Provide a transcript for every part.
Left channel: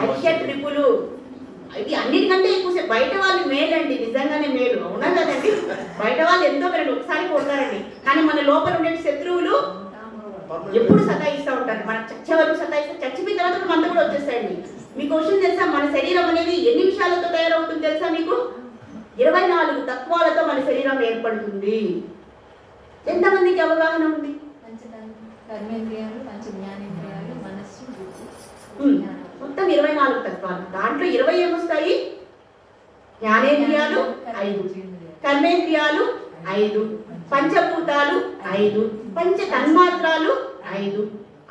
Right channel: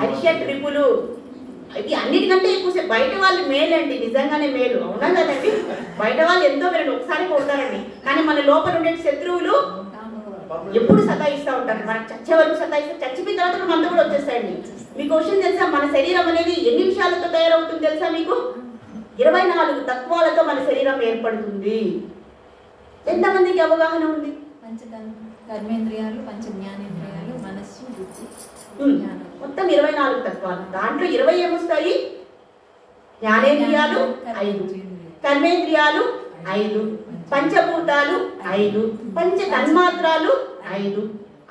హర్ష ట్రిపులు ఇది అన్నిటికంటే ఎక్కువ బయట వాళ్ళు మేలండి, నిజంగానే మేలు, అవునా కదండి? బయట వాళ్ళు ఎంతో మేలు, ఒకసారి పోతారండి, కానీ మన లోపల ఉండే శత్రువులు ఎప్పుడు సతాయిస్తూ ఉంటారు. మనకు చచ్చే వరకు సతాయిస్తారు, చచ్చిపోయిన తర్వాత మనతో కూడా వచ్చేస్తాయండి. మీకు క్వశ్చన్ తెలుసా, మన శరీరం అనేది ఎన్ని విషయాలతో తయారవుతుంది తెలుసా మీకు? 24 తత్వాలతో మన శరీరం ఏర్పడుతుంది. ఎంతమందికి అవగాహన ఉంది? కర్మేంద్రియాలు, పంచ జ్ఞానేంద్రియాలు, మనస్సు, మొత్తం 24 తత్వాలు. దాంట్లో 20 ఏమొస్తాయి? జ్ఞానేంద్రియాలు 5, కర్మేంద్రియాలు 5, పంచభూతాలు 5, పంచ తన్మాత్రాలు 5,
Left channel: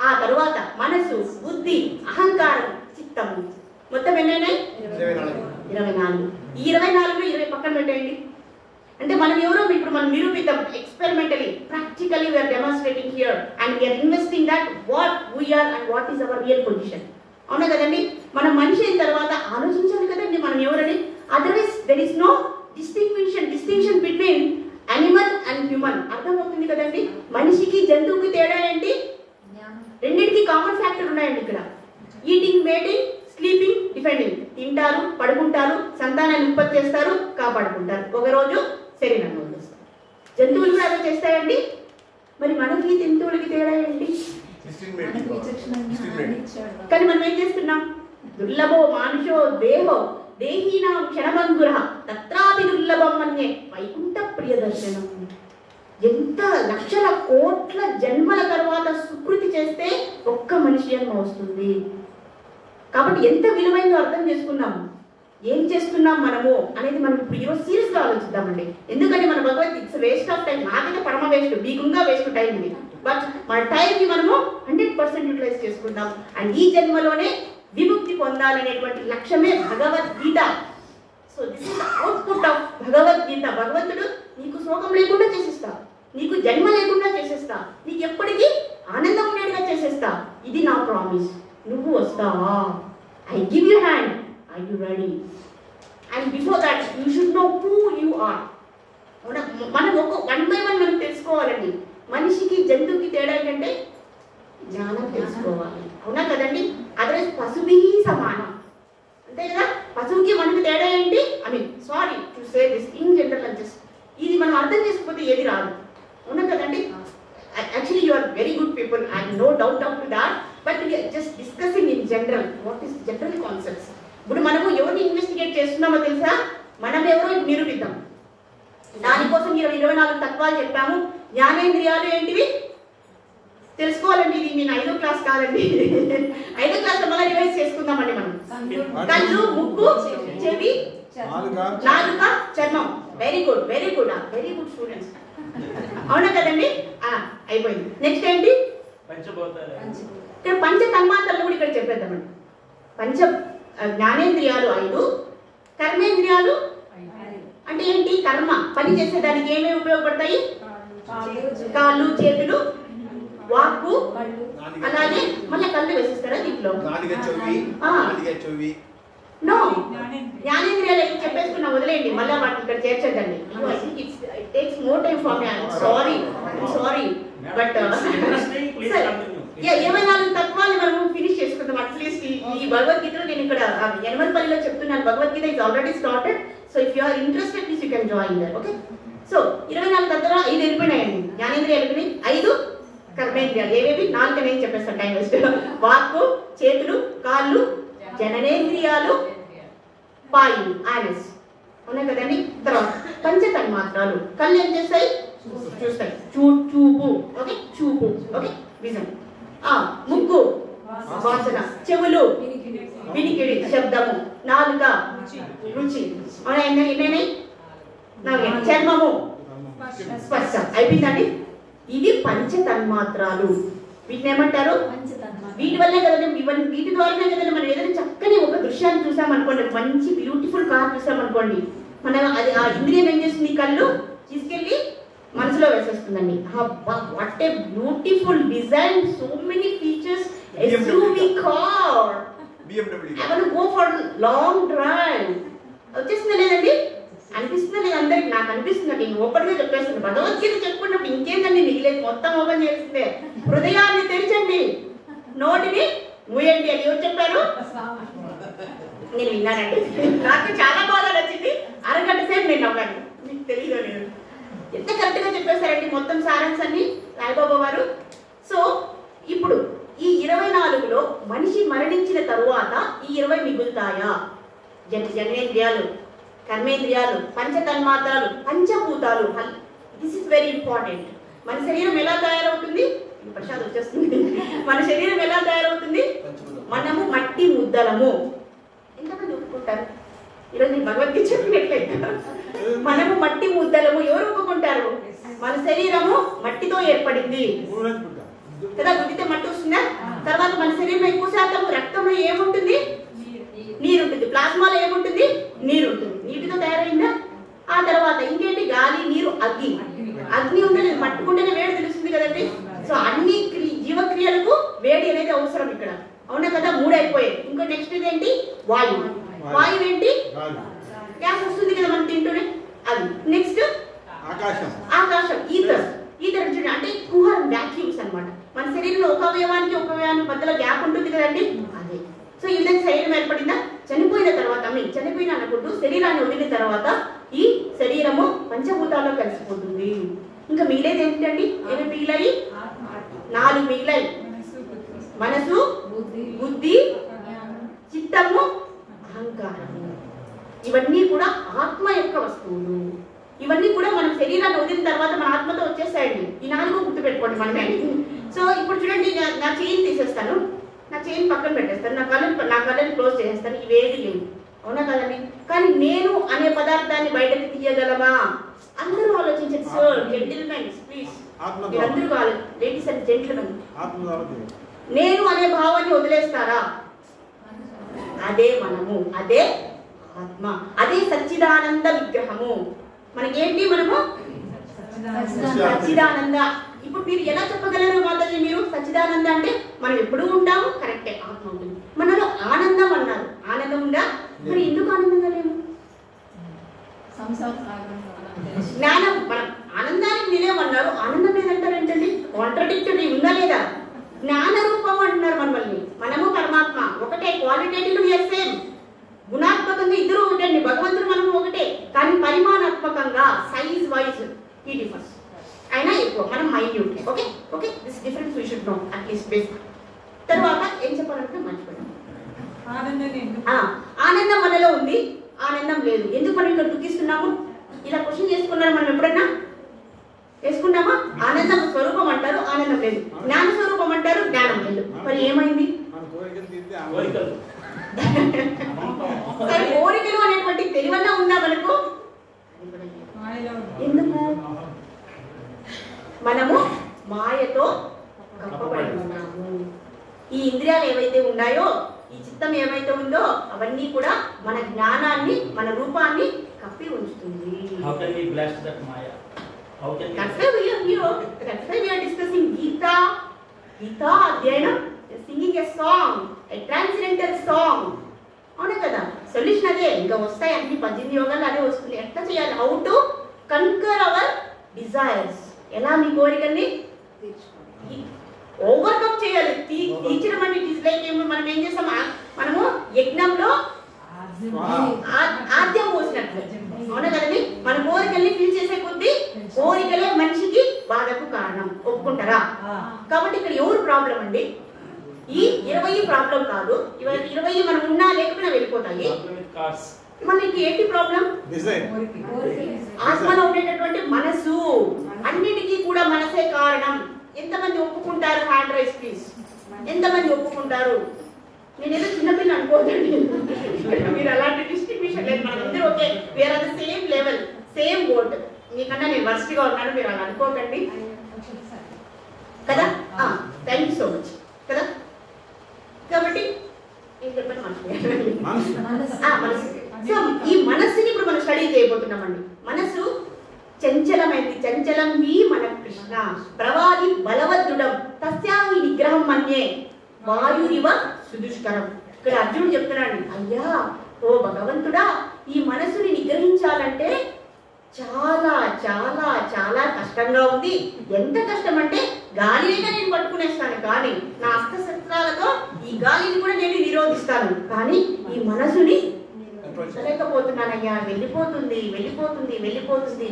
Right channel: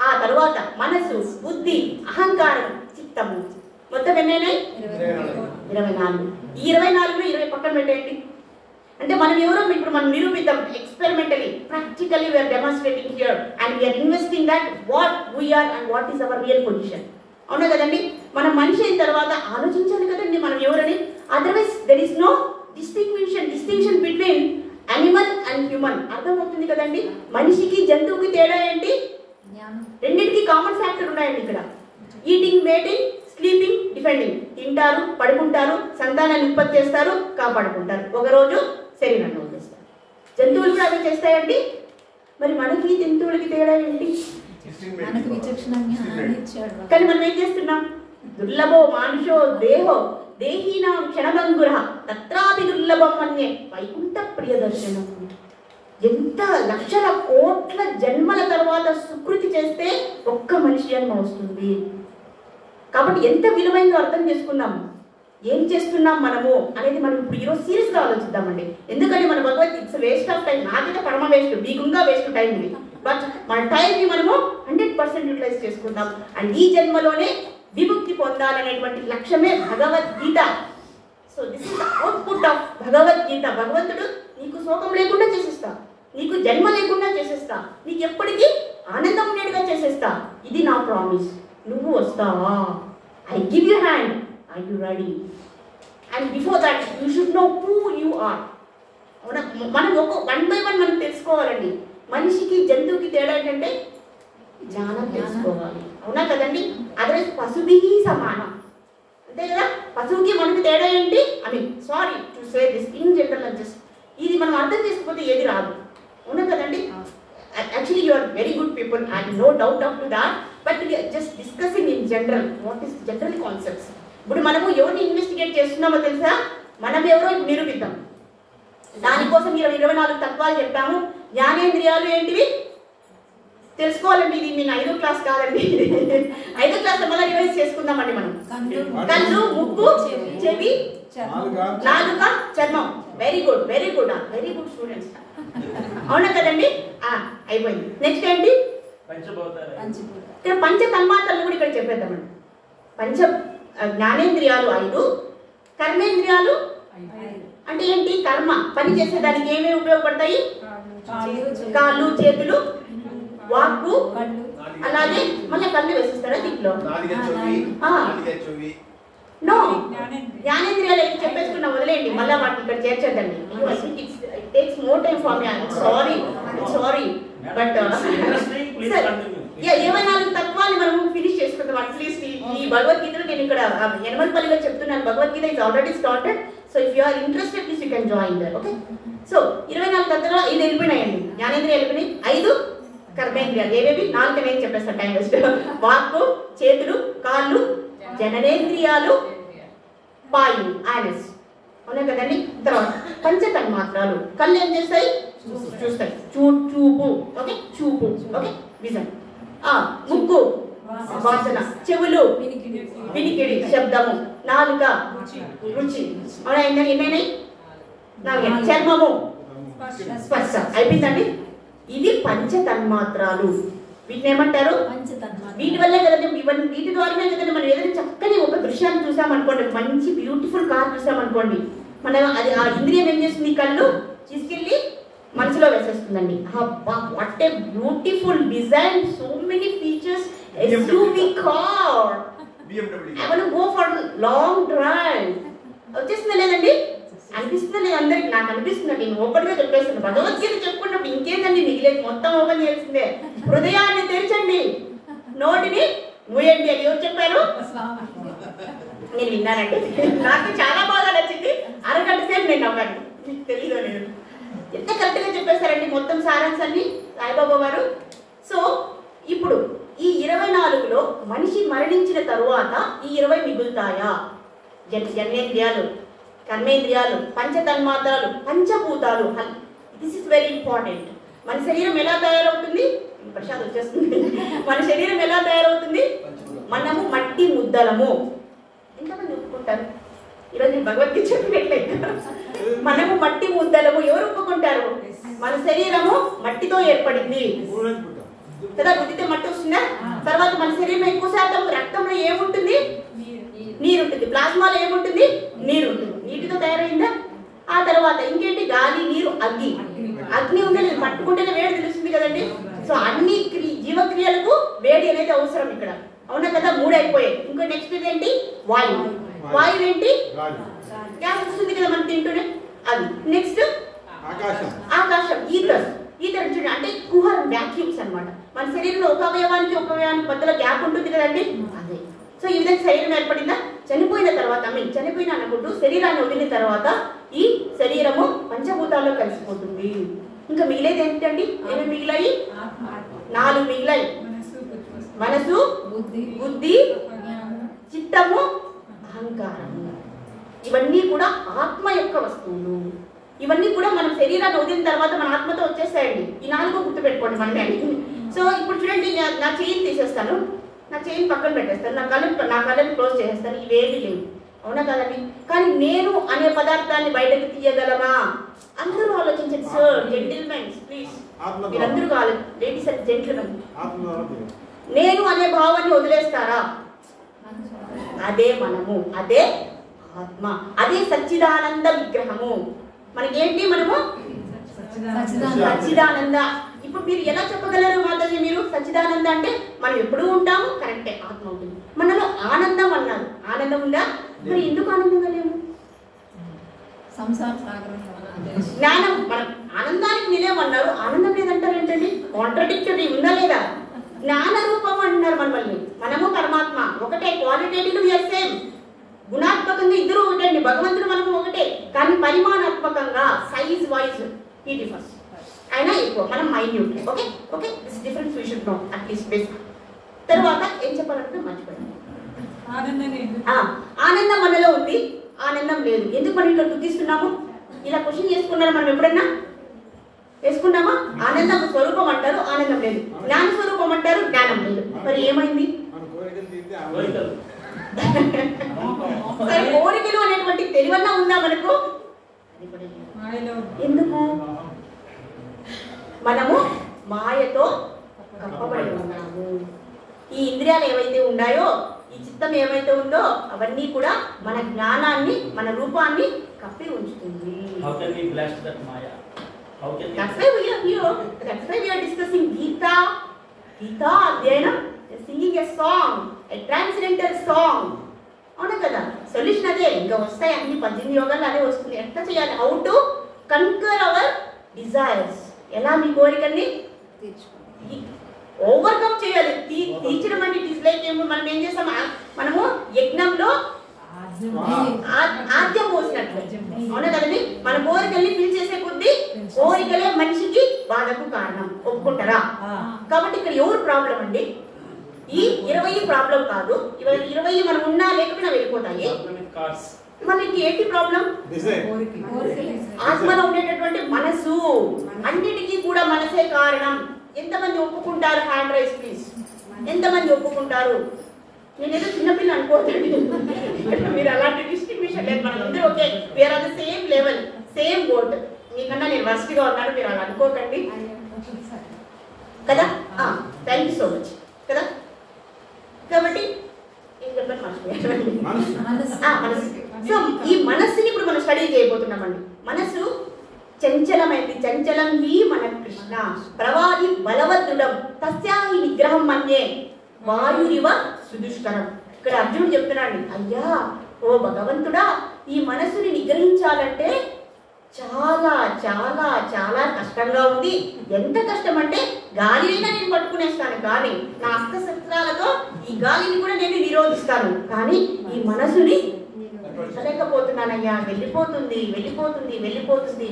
ఆ తరువాత మనసు, బుద్ధి, అహంకారం, చిత్తము, మొత్తం ఎన్నైనాయి? 24. ఈ 24లో 20 పక్కన పెట్టేయండి. అంటే మనం ఎవరో ఇప్పుడు మనం నిరూపిద్దాం, experimentally, practically we're demonstrating here and we're investing that what we're and what is our real position. అవునా కదండి? మనం మనిషి అయిన తర్వాత ఆలోచించాలి కదండి మనం ఎవరని. Otherwise there is no distinction between animal and human. అర్థమవుతుంది కదండి? మనిషికి జంతువుకి తేడా ఏంటి? రెండింటికి కామన్ ఫ్యాక్టర్ ఉన్నాయండి ఇక్కడ. Eating, mating, sleeping, defending. తింటారు, పడుకుంటారు, సంతానాన్ని ఉత్పత్తి చేస్తారు, కాపాడుకుంటారు, ఒకరోజు శరీరాన్ని వదిలేస్తారు. జంతువులు కూడా అలా చేస్తాయండి. మరి మనకి జంతువులకి తేడా ఏంటి? కానీ మనం ఏం చేస్తున్నాం? దుర్లభో మానుషో దేహో దేహీనాం క్షణభంగుర తత్రాపి దుర్లభం అన్యే వైకుంఠ ప్రియదర్శనం. ఎంత లక్షల కోట్ల జన్మల తర్వాత సుకృతి చేస్తే ఒక్క మనిషి జన్మ వస్తుంది. కాబట్టి ఎంత విలువైందో అర్థం చేసుకున్నాము. ఏం చేస్తున్నాం మనము అనేది మనం ఇప్పుడు ఈరోజు సీరియస్గా ఆలోచిద్దామండి. ఎందుకంటే మన Bhagavad Gita it's waste of time. నాకైతే పరమ వేస్ట్, మీకుంగా వేస్ట్ టైం ఇది. బట్ మన టైంని మనము 100% యూటిలైజ్ చేసుకుందాం. అండ్ ఈ జన్మలోనే విముక్తి పొందాలనేటువంటి లక్ష్యమే Bhagavadgita. So this is the output of Bhagavadgita. భగవంతుడు నీకు శోకం లేకుండా చేసేస్తా, నీకు జన్మ లేకుండా చేసేస్తా, నీకు ఎప్పటికీ ఆనందం ఉండేట్టుగా చేసేస్తా, ఇది నా ప్రామిస్. నువ్వు వస్తావా? I give you hand, are you ready? And before that you should know who you are. మనం వన్ బై వన్ మనం తెలుసుకోవాలండి. మనిషికి జంతువుకి తేడా ఏంటంటే జ్ఞానం తెలుసుకోవాలి. అవునా కదండి? అదర్వైజ్ పశువుకి సమానం, అంతే కదా? పశువుకి మనకి తేడా ఏంటి? I mean sorry to say this in general, just ఇది మనం అర్థం చేసుకోకపోతే ఏది రాదు. అవునా కదండి? Actually you are very good people and no doubt up to that, but we are just discussing in general what is general concepts. ఇప్పుడు మనము ఎవరిని ఇన్వెస్టిగేట్ చేస్తున్నామో తెలుసా? మనం ఎవరో నిరూపిద్దాం. దానికోసం 24 తత్వాలు చెప్పాము. జ్ఞానేంద్రియాలు ఏంటివి తెలుసుకోవాలండి. ఇది నేను 5వ క్లాస్ కాదండి, 5వ క్లాస్ మళ్ళీ రివైజ్ చేసుకుందామండి. మనం కళ్ళు, ముక్కు, చెవి, నాలుక, చర్మం. Very good, very good, very good students. అవునా కదండి? అయిపోయింది. నెక్స్ట్ ఏంటి? ఇక్కడ పంచ తన్మాత్రలు కూడా ఇక్కడ చెప్పేద్దామండి. పంచ జ్ఞానేంద్రియాలు 5, కర్మేంద్రియాలు అంటే ఏంటి? కర్మ పని చేసేదానికి ఏమేమి ఉపయోగపడతాయి? కాళ్ళు, చేతులు, వాక్కు, అలాగే మళ్ళీ కళ్ళు వేసిస్తారా దీంట్లో? నో, జ్ఞానేంద్రియాలు అయితే చెప్పేసుకున్నా, వదిలేయండి. మళ్ళీ వాటిని ఇక్కడ చేర్చేద్దండి. It takes more time for me. Sorry but 24 తత్వాలు మనం ఫినిష్ చేసుకుందాం అట్లీస్ట్. ఈ భగవద్గీతలో నేను ఇక్కడ ఎనమల్పల్లిలో చెప్తున్నాను. Bhagavad Gita is already started. So if you are interested please you can join there. Okay, so 24 తత్వాలు 5 వెళ్ళిపోయినాయండి. జ్ఞానేంద్రియాలు వెళ్ళిపోయినాయి. 5 కర్మేంద్రియాలు ఏవేవి? 4 నేను చెప్పేస్తాను, టైం వేస్ట్. వాక్కు, చేతులు, కాళ్ళు, జననేంద్రియాలు, పాయులు, ఆనస్. అవునా కదండి? తర్వాత పంచ తన్మాత్రాలు. కళ్ళు ఏం చేస్తాయి? చూస్తాయి, చూపు. ఓకే, చూపు. Okay, vision. ముక్కు వాసన, చెవులు వినికిడి, శబ్దము, నాలుక రుచి. అవునా? ఎన్నైనాయి? 4. చర్మము, స్పర్శ. అయిపోయిందండి. ఇది పంచ తన్మాత్రాలు. వీటిని ఏమంటారు? వీటి వల్లే కదండి, వీటి ద్వారానే కదండి మనం ఏదైనా చక్కని ఒక దృశ్యాన్ని చూసామనుకోండి, మంచి బ్యూటిఫుల్ కార్ చూసామనుకోండి, మనం అది ఆ ఇంద్రియం ఏం చేస్తుంది? కళ్ళు తీసుకెళ్ళి మనసులో వేసేస్తుందండి. What a beautiful design, so many features, SUV car, I want to go for long drive. వచ్చేస్తుందా లేదండి? అనిపిస్తుందా లేదు? అందరికి నాకు అనిపిస్తుంది. నేను ఓపెన్గా చెప్పేస్తాను. భగవద్గీత చెప్పుకున్నప్పుడు ఇంకేందండి మిగిలేదు? మొత్తం ఓపెన్ చేస్తుందే. హృదయాన్ని తెరచండి, నోటిని మూయండి అని ఎవరు చెప్పారు? నేను విన్నానండి. నాకు చాలా బాగా నచ్చింది. అరగంట సేపు నేను నవ్వాను. మీకు తెలియదో లేదు, ఎంత కరెక్ట్గా చెప్పేశారండి మొత్తం సారాంశాన్ని సాయిబాబా వారు. సో ఇప్పుడు ఈ 24లో మనిషి మరణించిన తరువాత ఈ 20 మిగులుతాయా? జన్మేంద్రియాలు, కర్మేంద్రియాలు, పంచతన్మాత్రాలు, పంచభూతాలు. This is very important. మన శరీరం ఎలా తయారవుతుంది? ప్రసాద్ వచ్చేస్తుంది. మన శరీరం ఎలా తయారవుతుంది? మనము మట్టి ముద్దలము. ఎంతమంది ఒప్పుకుంటారు? ఈరోజు నేను భగవద్గీత చెప్పినట్లయితే మనము మట్టి ముద్దలము. ఎవరు ఒప్పుకుంటారు? మన శరీరము మట్టితో ఏర్పడింది కదా. గుద్దితే మట్టి వస్తుందా? తర్వాత మన శరీరంలో ఎక్కువ శాతం రక్తంలో ఏముంటుంది? నీరు ఉంటుంది. ప్లాస్మాలో ఏముంటుంది? నీరు ఉంటుంది. నీటితో తయారైందా? ఆ తర్వాత ఇంకేంటి? గాలి, నీరు, అగ్ని. అగ్ని ఉంటే పట్టుకుంటేనే వేడి తెలుస్తుంది కదండి. సో అన్ని జీవక్రియలకు వేడి అనేది అవసరం ఇక్కడ, అవునా కదా? 3 అయిపోయాయి. ఇంకో నెక్స్ట్ ఏంటి? వాయువు. వాయువు ఏంటి? గ్యాస్ వస్తుంది కదా మనం తింటూనే, అది. నెక్స్ట్ ఆకాశం, ఈథర్. ఈథర్ చూడండి, అంటే కుహర్ వ్యాక్యూమ్స్ అన్నమాట. మన శరీరంలో ఒక అవయవానికి ఒక అవయవానికి మధ్యలో గ్యాప్ ఉంటుంది కదండి, అదే. సో ఈ విధంగా శరీరం ఏర్పడిందా? చనిపోయిన తర్వాత, చనిపోయిన అనుకుంటూ శరీరాన్ని వదిలిన తర్వాత ఈ శరీరము పంచభూతాల్లో కలిసిపోతుంది. ఇంకా మిగిలేది ఏంటండి? ఏమి మిగిలాయి? 4 మిగిలాయి. మనసు, బుద్ధి, చిత్తము, అహంకారము. ఇవన్నీ కూడా ఆత్మ యొక్క వస్తువులు. ఇవన్నీ కూడా మనం శరీరాన్ని వదిలిన తర్వాత మన ఆత్మతో వచ్చేసాయండి. ఈ 4 గుర్తుపెట్టుకోండి మనమే. సో ఇప్పుడు చూడండి, నా చైన్ తీసేస్తాను, నా చైన్ పక్కన పెట్టేస్తాను, నా కళ్ళని క్లోజ్ చేసేస్తాను. ఇవేమి లేవు, అవునా కదండి? కానీ నేను అనే పదార్థాన్ని బయటకు తీయగలమా? అందరూ ఆలోచించండి సార్. జెంటిల్మెన్ ప్లీజ్, మీరందరూ కావాలి. లేడీస్ అండ్ జెంటిల్మెన్, నేను అనే భావాన్ని వదిలేస్తారా? అదే మనము, అదే ఆత్మ, అదే సచ్చిదానంద విగ్రహము. మనకేంటి? మనము సచ్చిదానంద. ఇప్పుడు మీరు ఎలా చెప్పగలరు మాతాజీ? మీరు సచ్చిదానంద అంటే మనం ఎప్పుడూ ఉంటాము, కరెక్టే, ఆత్మ ఉంటుంది. మనలో ఆనందం అన్నారు, ఆనందం ఉందా? మరి ఎందుకు ఆనందంగా లేము? జ్ఞానం. మనం ఆనందానికి నిలేమన్నారు, ఆనందం లేదంటారు ఏంటండి? కాంట్రడిక్టరీ ఉందా లేదా? జ్ఞాన రూపం అంటున్నారు మనల్ని. మనము పరమాత్మ ఒకటే. క్వాలిటేటివ్ సేమ్, గుణాత్మకంగా ఇద్దరు ఒకటండి. భగవంతుడు మనకు ఒకటే, కానీ పరిమాణాత్మకంగా సైజ్ వైజ్ ఈ డిఫరెన్స్. అయినా ఎక్కువ, మనం minute. Okay okay, this difference we should know at least basic. తర్వాత ఏం చెప్పాలంటే మర్చిపోయాను. ఆనందం మనలో ఉంది, ఆనందం లేదు. ఎందుకు మనం ఇక్కడ గుర్తిస్తున్నాము? ఇలా క్వశ్చన్ చేసుకున్నారు మనం ఎప్పుడన్నా? చేసుకున్నామా? ఆనందం స్వరూపం అంటారు, ఆనందం లేదు. జ్ఞాన స్వరూపం అంటారు, జ్ఞానం లేదు. మరి ఏమైంది? కోరికలు అనేటువంటి తెలివన్నా ఉందా మనకు? ఎందుకు? మనము మాయతో కప్పబడి ఉన్నాము. ఈ ఇంద్రియాలు ఏవైతే ఉన్నాయో, ఈ చిత్తం ఏమైతే ఉందో, అవన్నీ కూడా మన జ్ఞానాన్ని, మన రూపాన్ని కప్పి ఉంచుతుంది. That's why we are here. That's why we are discussing Gita. Gita అధ్యయనం, singing a song, a transcendental song. అవునా కదా? సొల్యూషన్ అదే. ఇంకా వస్తాయి అన్ని 18 యోగాలు అదే వస్తుంది. ఎట్లా చేయాలి? How to conquer our desires. ఎలా మీ కోరికల్ని ఓవర్కమ్ చేయాలి. తీర్చడం అంటే ఇట్ ఇస్ లైక్ మనం ఏం చేస్తాం? మనము యజ్ఞంలో ఆద్యం పోసినట్లు, అవునా కదండి? మన కోరికల్ని ఫిల్ చేసే కొద్దీ కోరికలే మనిషికి బాధకు కారణం. ఒప్పుకుంటారా? కాబట్టి ఇక్కడ ఎవరు ప్రాబ్లం అండి? ఈ 20 ప్రాబ్లం కాదు. 20 మనం ఉన్నా లేకపోయినా వెళ్ళిపోతాయి. మనకి ఏంటి ప్రాబ్లం? ఆత్మలో ఉండేటటువంటి మనసు. అన్నిటికీ కూడా మనసే కారణం. ఎంతమంది ఒప్పుకుంటారు? Hand raise please. ఎంతమంది ఒప్పుకుంటారు? నేను ఏదో చిన్నపిల్ల అనుకోకండి, మీరు అలాంటి డిస్ట్రిబ్యూషన్ లేదు. మనమందరూ okay, where are the same level, same board. మీకన్నా నేను వర్స్ట్గా ఉన్నాను, మీరు అలా అనుకోకండి కదా. థ్యాంక్ యూ సో మచ్ కదా. కాబట్టి ఏం చెప్పాను? మనసు. సో ఈ మనస్సుని ఇప్పుడు మనం స్టడీ చేయబోతున్నామండి. మనసు చంచలమైంది. చంచలం హి మన కృష్ణ ప్రవాది బలవద్రుడం తస్యాహి నిగ్రహం మన్యే వాయురివ సుదుష్కరం. ఇక్కడ అర్జునుడు చెప్తున్నాడు, అయ్యా ఓ భగవంతుడా, ఈ మనస్సుని నిగ్రహించాలంటే చాలా చాలా చాలా కష్టంగా ఉంది. ఎంత కష్టం అంటే గాలిని నేను పట్టుకునేస్తాను, కానీ నా అస్త్రశస్త్రాలతో ఈ గాలిని కూడా నేను నిరోధిస్తాను, కానీ ఈ మనసుని లేకపోతున్నానయ్యా, వెళ్ళిపోతుంది వెళ్ళిపోతుంది వెళ్ళిపోతుంది.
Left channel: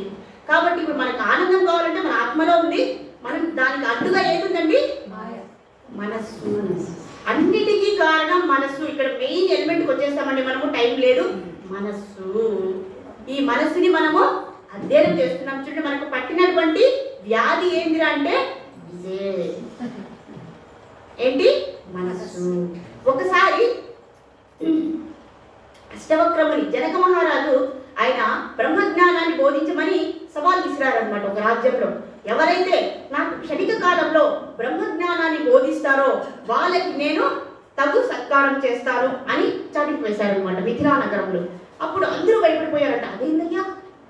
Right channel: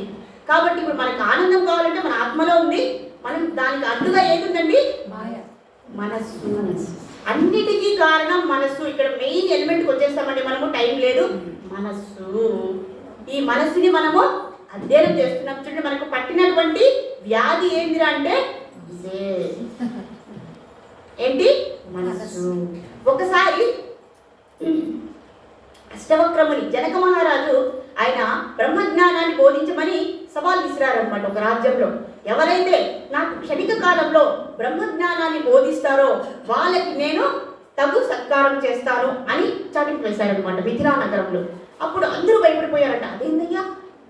కాబట్టి ఇప్పుడు మనకు ఆనందం కావాలంటే మన ఆత్మలో ఉంది, మనం దానికి అడ్డుగా ఏముందండి? మనస్సు. అన్నిటికీ కారణం మనస్సు. ఇక్కడ మెయిన్ ఎలిమెంట్కి వచ్చేస్తామండి మనము, టైం లేదు. మనస్సు. ఈ మనస్సుని మనము అధ్యయనం చేస్తున్నాం. చూడండి, మనకు పట్టినటువంటి వ్యాధి ఏంటిరా అంటే ఏంటి? మనస్సు. ఒకసారి అష్టవక్రముని జనక మహారాజు ఆయన బ్రహ్మజ్ఞానాన్ని బోధించమని సవాల్ విసిరారనమాట ఒక రాజ్యంలో. ఎవరైతే నాకు క్షణిక కాలంలో బ్రహ్మజ్ఞానాన్ని బోధిస్తారో వాళ్ళకి నేను తగు సత్కారం చేస్తాను అని చాటికి వేశారనమాట మిథిలా నగరంలో. అప్పుడు అందరూ భయపడిపోయారట, అదేందయ్యా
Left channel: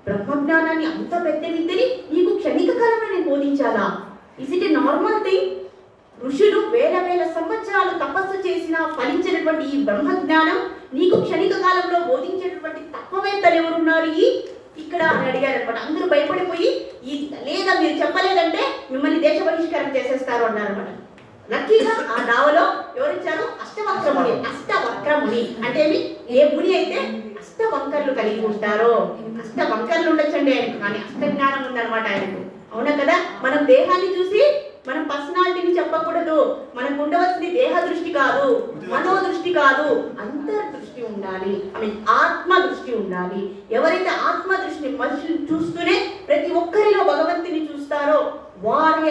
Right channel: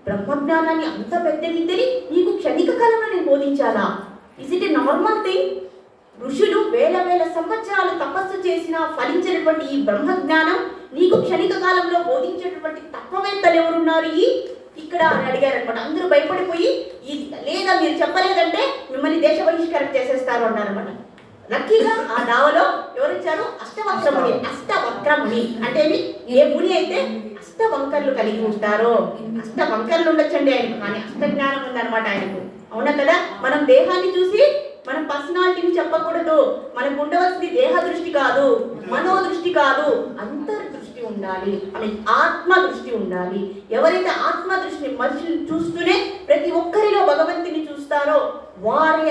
బ్రహ్మజ్ఞానాన్ని అంత పెద్ద విద్యని నీకు క్షణిక కాలంలో నేను బోధించాలా? Is it a normal thing? ఋషులు వేల వేల సంవత్సరాలు తపస్సు చేసినా ఫలించినటువంటి ఈ బ్రహ్మజ్ఞానం నీకు క్షణిక కాలంలో బోధించేటటువంటి తత్వవేత్తలు ఎవరున్నారు ఇక్కడ అని అడిగారనమాట. అందరూ భయపడిపోయి లేదా మీరు చెప్పలేదంటే మిమ్మల్ని దేశ బహిష్కరణ చేసేస్తారు అన్నారనమాట. లక్కీగా ఆ దావలో ఎవరిచ్చారు? అష్టవక్రముని. అష్టవక్రముని అంటే ఏ ముని అయితే అష్టవంకర్లు కలిగి ఉంటారో, అష్టవంకర్లు ఉండొచ్చండి ఆయనకు, కానీ అష్ట జ్ఞానం ఉందన్నమాట ఆయనకు. అవునా కదా? మనం దేహాన్ని చూసి మనం పర్సనాలిటీని చెప్పకూడదు. మనకు ఉండవలసింది దేహ దృష్టి కాదు, మనో దృష్టి కాదు, అంతర్దృష్టి ఉండాలి, ఆత్మ దృష్టి ఉండాలి. ఎవరైతే ఆత్మ దృష్టిని మనుషులు చూస్తూనే ప్రతి ఒక్కరిలో భగవంతుని చూస్తారో వారే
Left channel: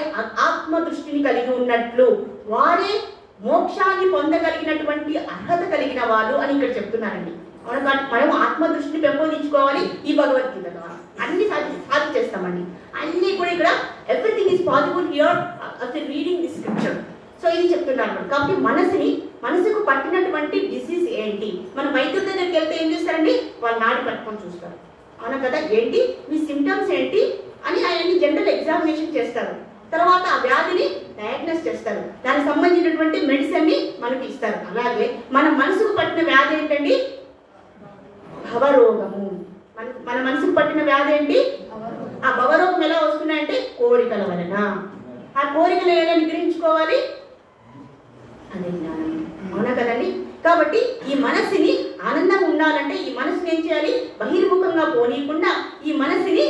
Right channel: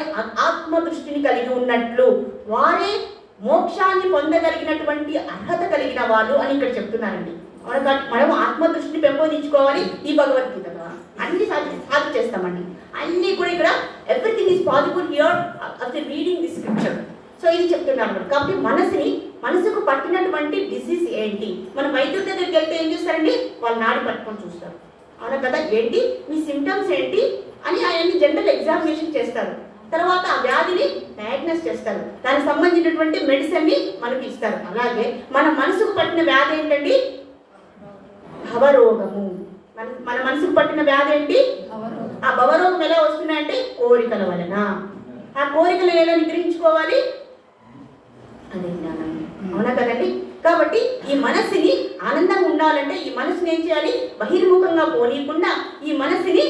ఆత్మ దృష్టిని కలిగి ఉన్నట్లు, వారే మోక్షాన్ని పొందగలిగినటువంటి అర్హత కలిగిన వాళ్ళు అని ఇక్కడ చెప్తున్నారండి. మనం ఆత్మ దృష్టిని పెంపొందించుకోవాలి. ఈ భగవద్గీత అన్ని సాధించేస్తామండి. అన్ని కూడా ఇక్కడ everything is possible here after reading the scripture. So ఇది చెప్తున్నారు. కాబట్టి మనసుకు పట్టినటువంటి డిసీజ్ ఏంటి? మన వైద్యుల దగ్గరికి వెళ్తే ఏం చేస్తారండి? వాళ్ళు నాడి పట్టుకొని చూస్తారు. అవునా కదా? ఏంటి మీ సిమ్టమ్స్ ఏంటి అని ఆయన్ని జనరల్ ఎగ్జామినేషన్ చేస్తారు. తర్వాత ఆ వ్యాధిని డయాగ్నోస్ చేస్తారు, దానికి సంబంధించినటువంటి మెడిసిన్ ని మనకి ఇస్తారు. అలాగే మన మనసుకు పట్టిన వ్యాధి ఏంటండి? భవరోగము. మన మనసుకు పట్టిన వ్యాధి ఏంటి? ఆ భవరోగం ఎలా వస్తున్నాయంటే కోరికల వలన. ఆ కోరికలు ఎలా నిగ్రహించుకోవాలి? అదే జ్ఞానం. అవునా కదండి? కాబట్టి ఈ మనసుని ఆనందం ఉండాలంటే ఈ మనసుని ఏం చేయాలి? బహిర్ముఖంగా పోనీయకుండా ఈ మనసుని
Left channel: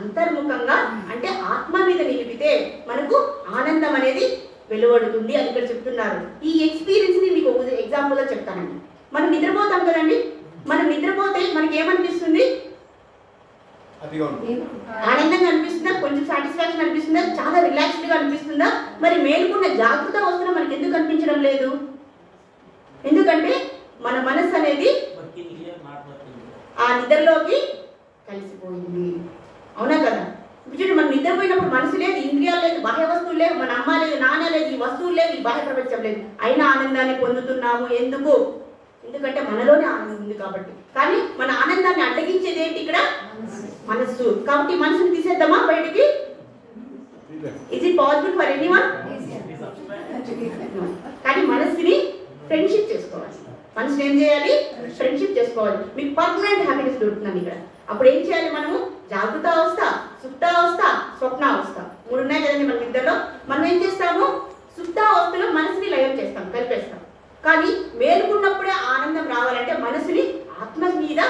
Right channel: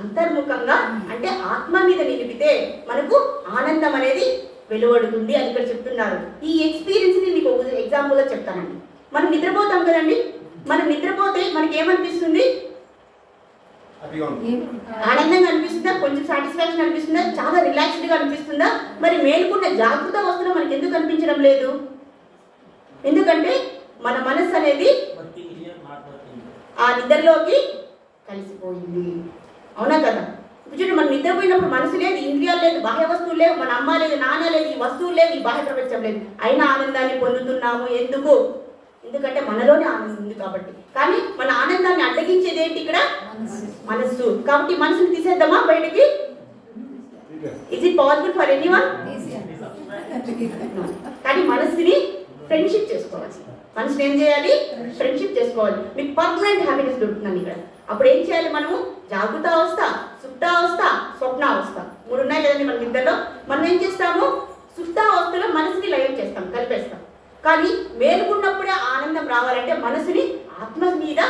అంతర్ముఖంగా అంటే ఆత్మ మీద నిలిపితే మనకు ఆనందం అనేది వెలువడుతుంది అని ఇక్కడ చెప్తున్నారు. ఈ ఎక్స్పీరియన్స్ ని మీకు ఎగ్జాంపుల్ గా చెప్తానండి. మనం నిద్రపోతాం కదండి, మనం నిద్రపోతే మనకి ఏమనిపిస్తుంది? ఆనందంగా అనిపిస్తుందా? కొంచెం సాటిస్ఫాక్షన్ అనిపిస్తుందా? చాలా రిలాక్స్డ్ గా అనిపిస్తుందా? మరి మేలుకున్న జాగ్రత్త అవస్థలో మనకి ఎందుకు అనిపించడం లేదు? ఎందుకంటే మన మనసు అనేది ఆ నిద్రలోకి కలిసిపోయింది. అవునా కదా? చూడండి, మనం నిద్రపోయినప్పుడు మనసు లేదు, ఇంద్రియాలు లేదు, బాహ్య వస్తువులు లేవు, మన అమ్మ లేదు, నాన్న లేదు, ఈ వస్తువులు లేవు, ఈ బాహ్య ప్రపంచం లేదు, అయినా ఆనందాన్ని పొందుతున్నాము. ఎందుకు? ఎందుకంటే మనలోనే ఆనందం ఉంది కాబట్టి. కానీ మన ఆనందాన్ని అడ్డగించేది ఏంటి? ఇక్కడ మనస్సు. కాబట్టి మనసుని తీసేద్దామా బయటికి? Is it possible for anyone? కానీ మనసుని ఫ్రెండ్షిప్ చేసుకోవాలి. మనసుని ఏం చేయాలి? ఫ్రెండ్షిప్ చేసుకోవాలి. మీకు పర్మనెంట్ హ్యాపీనెస్ దొరుకుతుంది ఇక్కడ. అప్పుడు ఏం చేయాలి? మనము జాగృత అవస్థ, సుప్తావస్థ, స్వప్నావస్థ, మూడు ఉన్నాయి కదండి మన నిద్రలో. మనం ఏం చేస్తాము? సుప్తావస్థలో మనసుని లయం చేస్తాం, కలిపేస్తాం. కానీ మేలుకున్నప్పుడే ఆనందం రావాలంటే మనసుని ఆత్మ మీద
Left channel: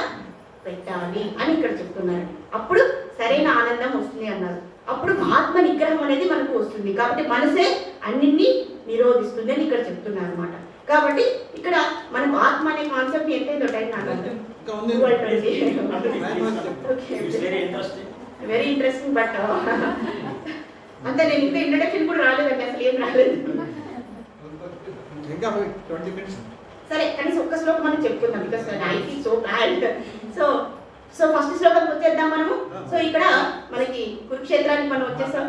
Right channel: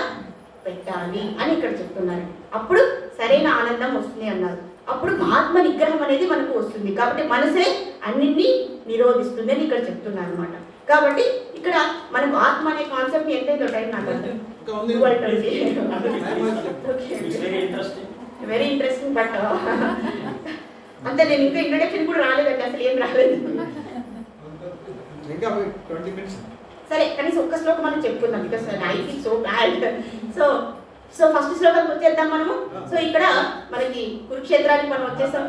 పెట్టాలి అని ఇక్కడ చెప్తున్నారు. అప్పుడు సరైన ఆనందం వస్తుంది అన్నారు. అప్పుడు ఆత్మ నిగ్రహం అనేది మనకు వస్తుంది. కాబట్టి మనసే అన్నింటినీ నిరోధిస్తుంది అని ఇక్కడ చెప్తున్నారు అనమాట. కాబట్టి ఇక్కడ మనకు ఆత్మ అనే కాన్సెప్ట్ ఎంతైందో టైం వెరీ ఇంట్రెస్టింగ్. బట్ అంతే, నేను ఇంకా ఇంట్రడక్షన్ కూడా రాలేదండి, అసలు ఏం రాలేదు. సరే, కనీసం ఒక్క శ్లోకం మనం చెప్పుకుందాం. Because I feel so bad. So first శ్లోకం వచ్చేద్దాం మనము. సో ఇక్కడ మనకి కురుక్షేత్రానికి మనం వచ్చేసాం.